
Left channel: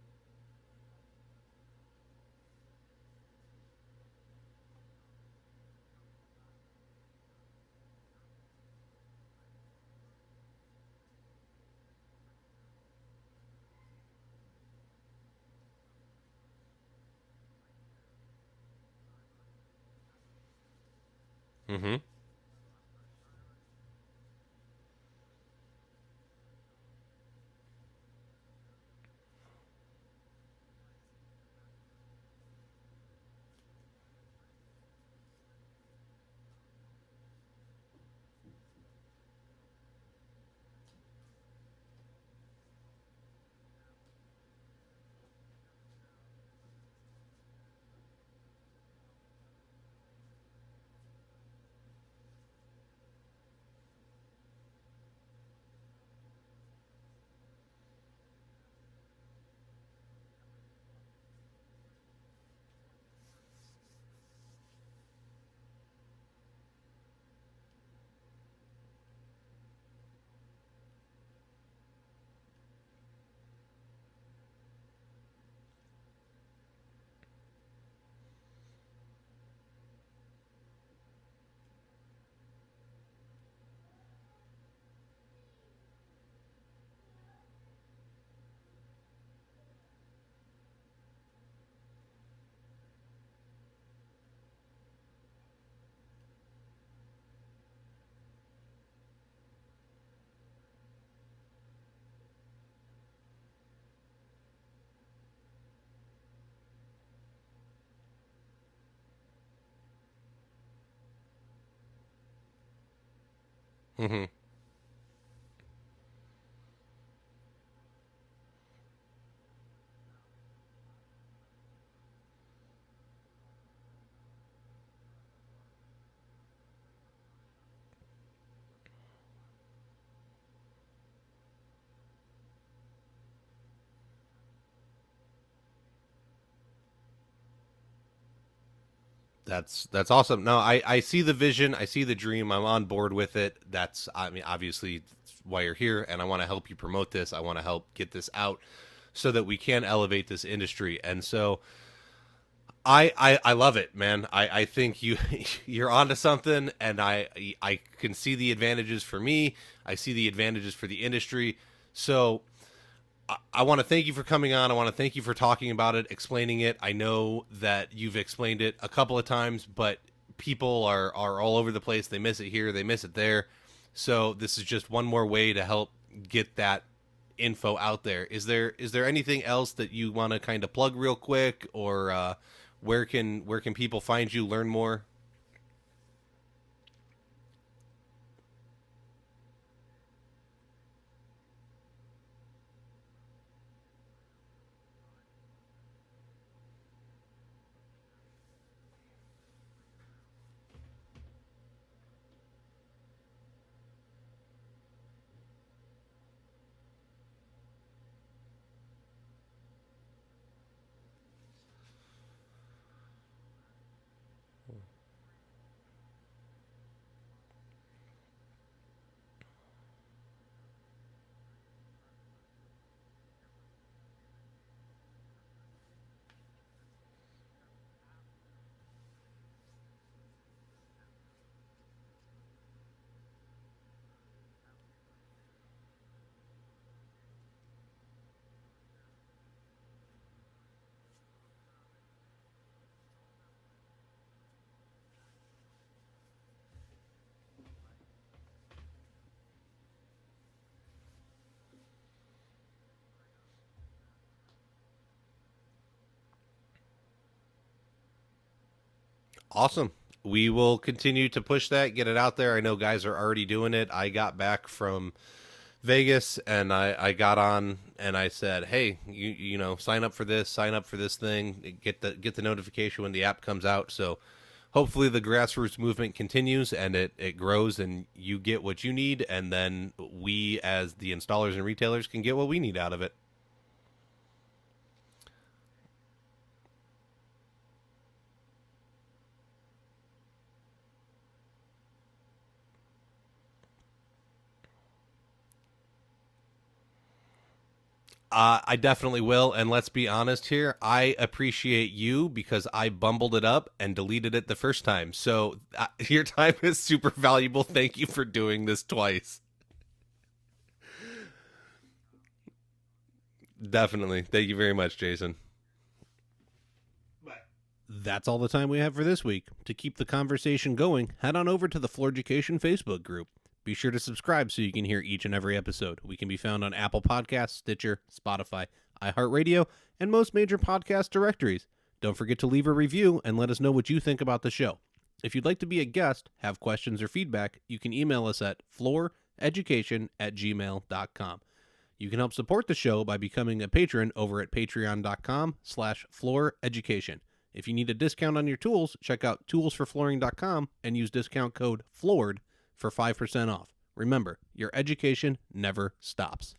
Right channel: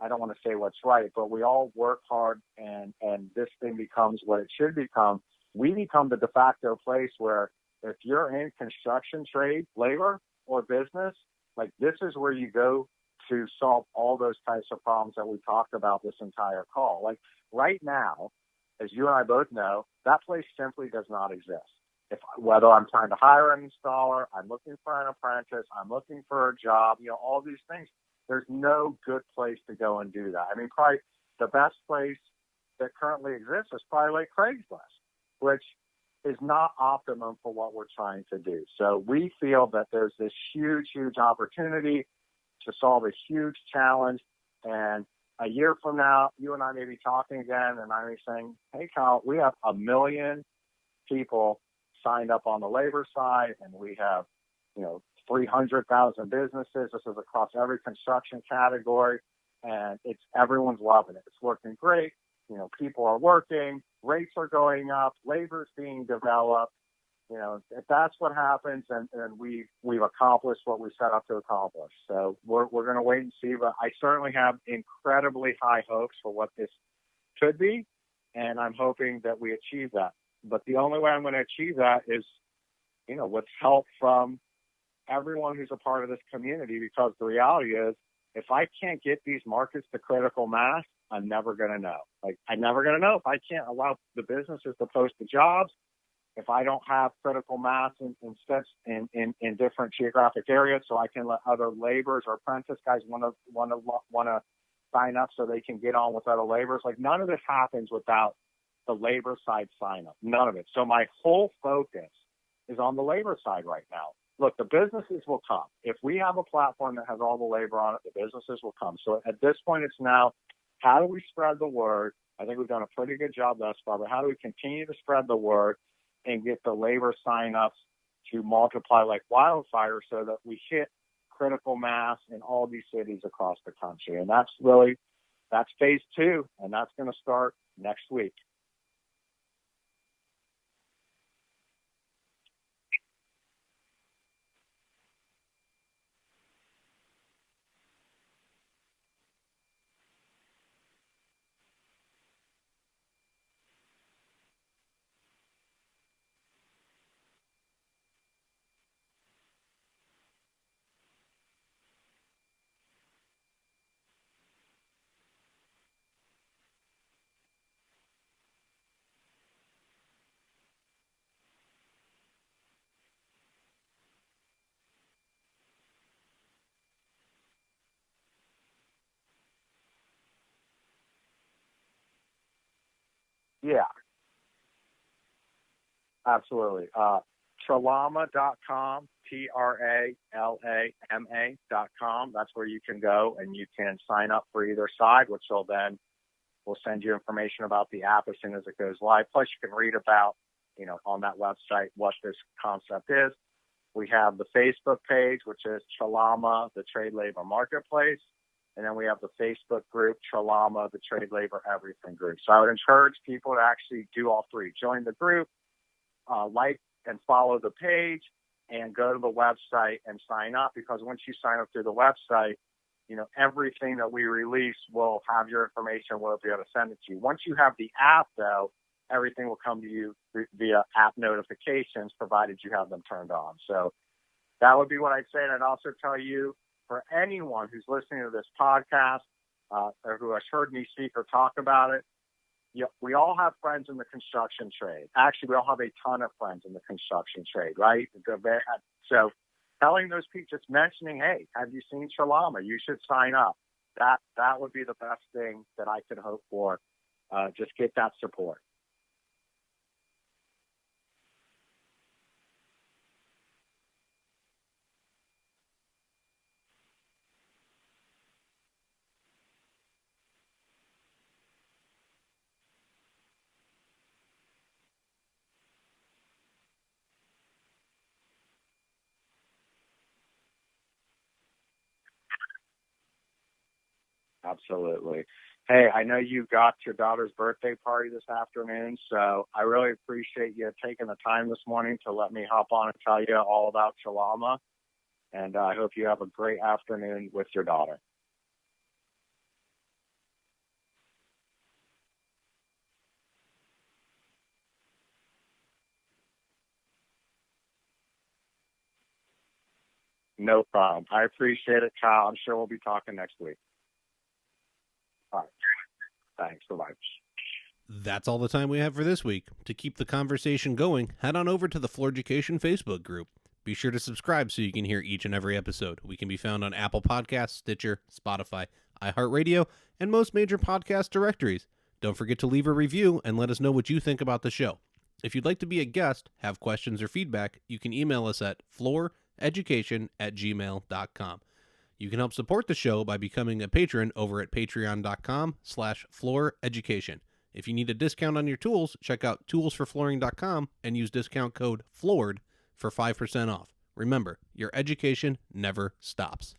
I don't want to say what's right, but we all work hard, and this thing becomes what it should become. We become the de facto place where, if you're in construction trade, labor, or business, like, this is where you go to solve all those types of problems that we talked about this entire call. Like, right now, as you and I both know, that place simply does not exist. Mm-hmm. Whether I'm trying to hire an installer, I'm looking for an apprentice, I'm looking for a job, all these things, there's no good place to go and do that. I mean, probably the best place that currently exists is probably like Craigslist, which is not optimum for what we're trying to do. So we feel that there's this huge, huge opportunity to solve a huge challenge. And a year from now, you and I may be talking again, and I may be saying, hey, Kyle, we have 1 million people signed up on the labor side, and we have, 300,000 businesses. This is across every construction category, and everyone's loving it. It's working great. People are working, rates are going up, labor's being developed. If that's what happens, and we've accomplished what we set out to accomplish. So we're going to wait and see, but I certainly have incredibly high hopes for what this could be, and I'm hoping that we achieve that. But the only way I'm going to achieve that is, with help from everyone who's a part of this community, because the reality is, if I can't get these markets to critical mass, I'm never going to know. Like, I'm never going to know if I can't allow the businesses to post the jobs, if I don't have critical mass in different geographic areas, so I can let other laborers or apprentice guys want to sign up so they can get on with other laborers. Like, none of this happens without the labor side sign up. None of it. So my whole focus is on the labor side right now. Mm-hmm. Look, the businesses will come. If we have a platform that has all the labor on it, the businesses will come. So at this point, it's now, how do we spread the word? I think we've done a pretty good job thus far, but how do we continue to spread the word and get the labor sign-ups to multiply like wildfire so that we hit critical mass in all these cities across the country? And that's phase 2, and that's going to start next week. That's awesome. No, I see the vision. I see the dream. I'm on board with it. Obviously that's why you're here, and I want to help you promote this. I want to help get this out so that we can elevate this industry. And so I love it, man. I think you're onto something, and I can see the advantages for me. I see the advantages for the industry. So I want to thank you for coming on. I want to thank you for talking about it, explaining it. I know that you've explained it a couple of times, but people are all over the place. They miss it here, they miss it there. So this is just one more way to help get that info out there. Is there anything else that you want to kind of plug real quick, or where can people find you, learn more? Absolutely. TraLama.com, TraLama.com. That's where you can go and you can sign up for either side, which will we'll send you information about the app as soon as it goes live. Plus, you can read about, on that website what this concept is. We have the Facebook page, which is TraLama, the Trade Labor Marketplace. And then we have the Facebook group, TraLama, the Trade Labor Everything group. So I would encourage people to actually do all three. Join the group, like and follow the page, and go to the website and sign up, because once you sign up through the website, everything that we release will have your information. We'll be able to send it to you. Once you have the app, though, everything will come to you via app notifications, provided you have them turned on. So that would be what I'd say. And I'd also tell you, for anyone who's listening to this podcast or who has heard me speak or talk about it, we all have friends in the construction trade. Actually, we all have a ton of friends in the construction trade, right? So telling those people, just mentioning, hey, have you seen TraLama? You should sign up. That would be the best thing that I could hope for. Just get that support. Awesome. We will continue to push that, get it out there. I know guys are already doing it. I got back from Vegas and I got on and I said, hey, you sign up for this thing, get the notification when the app comes out. So hopefully the grassroots movement continues and it grows and you get what you need, and then we as the installers and retailers can get what we need out of it. Absolutely. Hey, I know you got your daughter's birthday party this afternoon, so I really appreciate you taking the time this morning to let me hop on and tell you all about TraLama. And I hope you have a great afternoon with your daughter. I definitely will. And let's be honest here. I appreciate you because I bumbled it up and deleted it the first time. So your time is super valuable. Thank you for doing this twice. No problem. I appreciate it, Kyle. I'm sure we'll be talking next week. Definitely. Thank you very much, Jason. All right. Thanks. Bye-bye. That's all the time we have for this week. To keep the conversation going, head on over to the Floored-U-Cation Facebook group. Be sure to subscribe so you can hear each and every episode. We can be found on Apple Podcasts, Stitcher, Spotify, iHeartRadio, and most major podcast directories. Don't forget to leave a review and let us know what you think about the show. If you'd like to be a guest, have questions or feedback, you can email us at flooreducation@gmail.com. You can help support the show by becoming a patron over at patreon.com/flooreducation. If you need a discount on your tools, check out toolsforflooring.com and use discount code FLOORED for 5% off. Remember, your education never stops.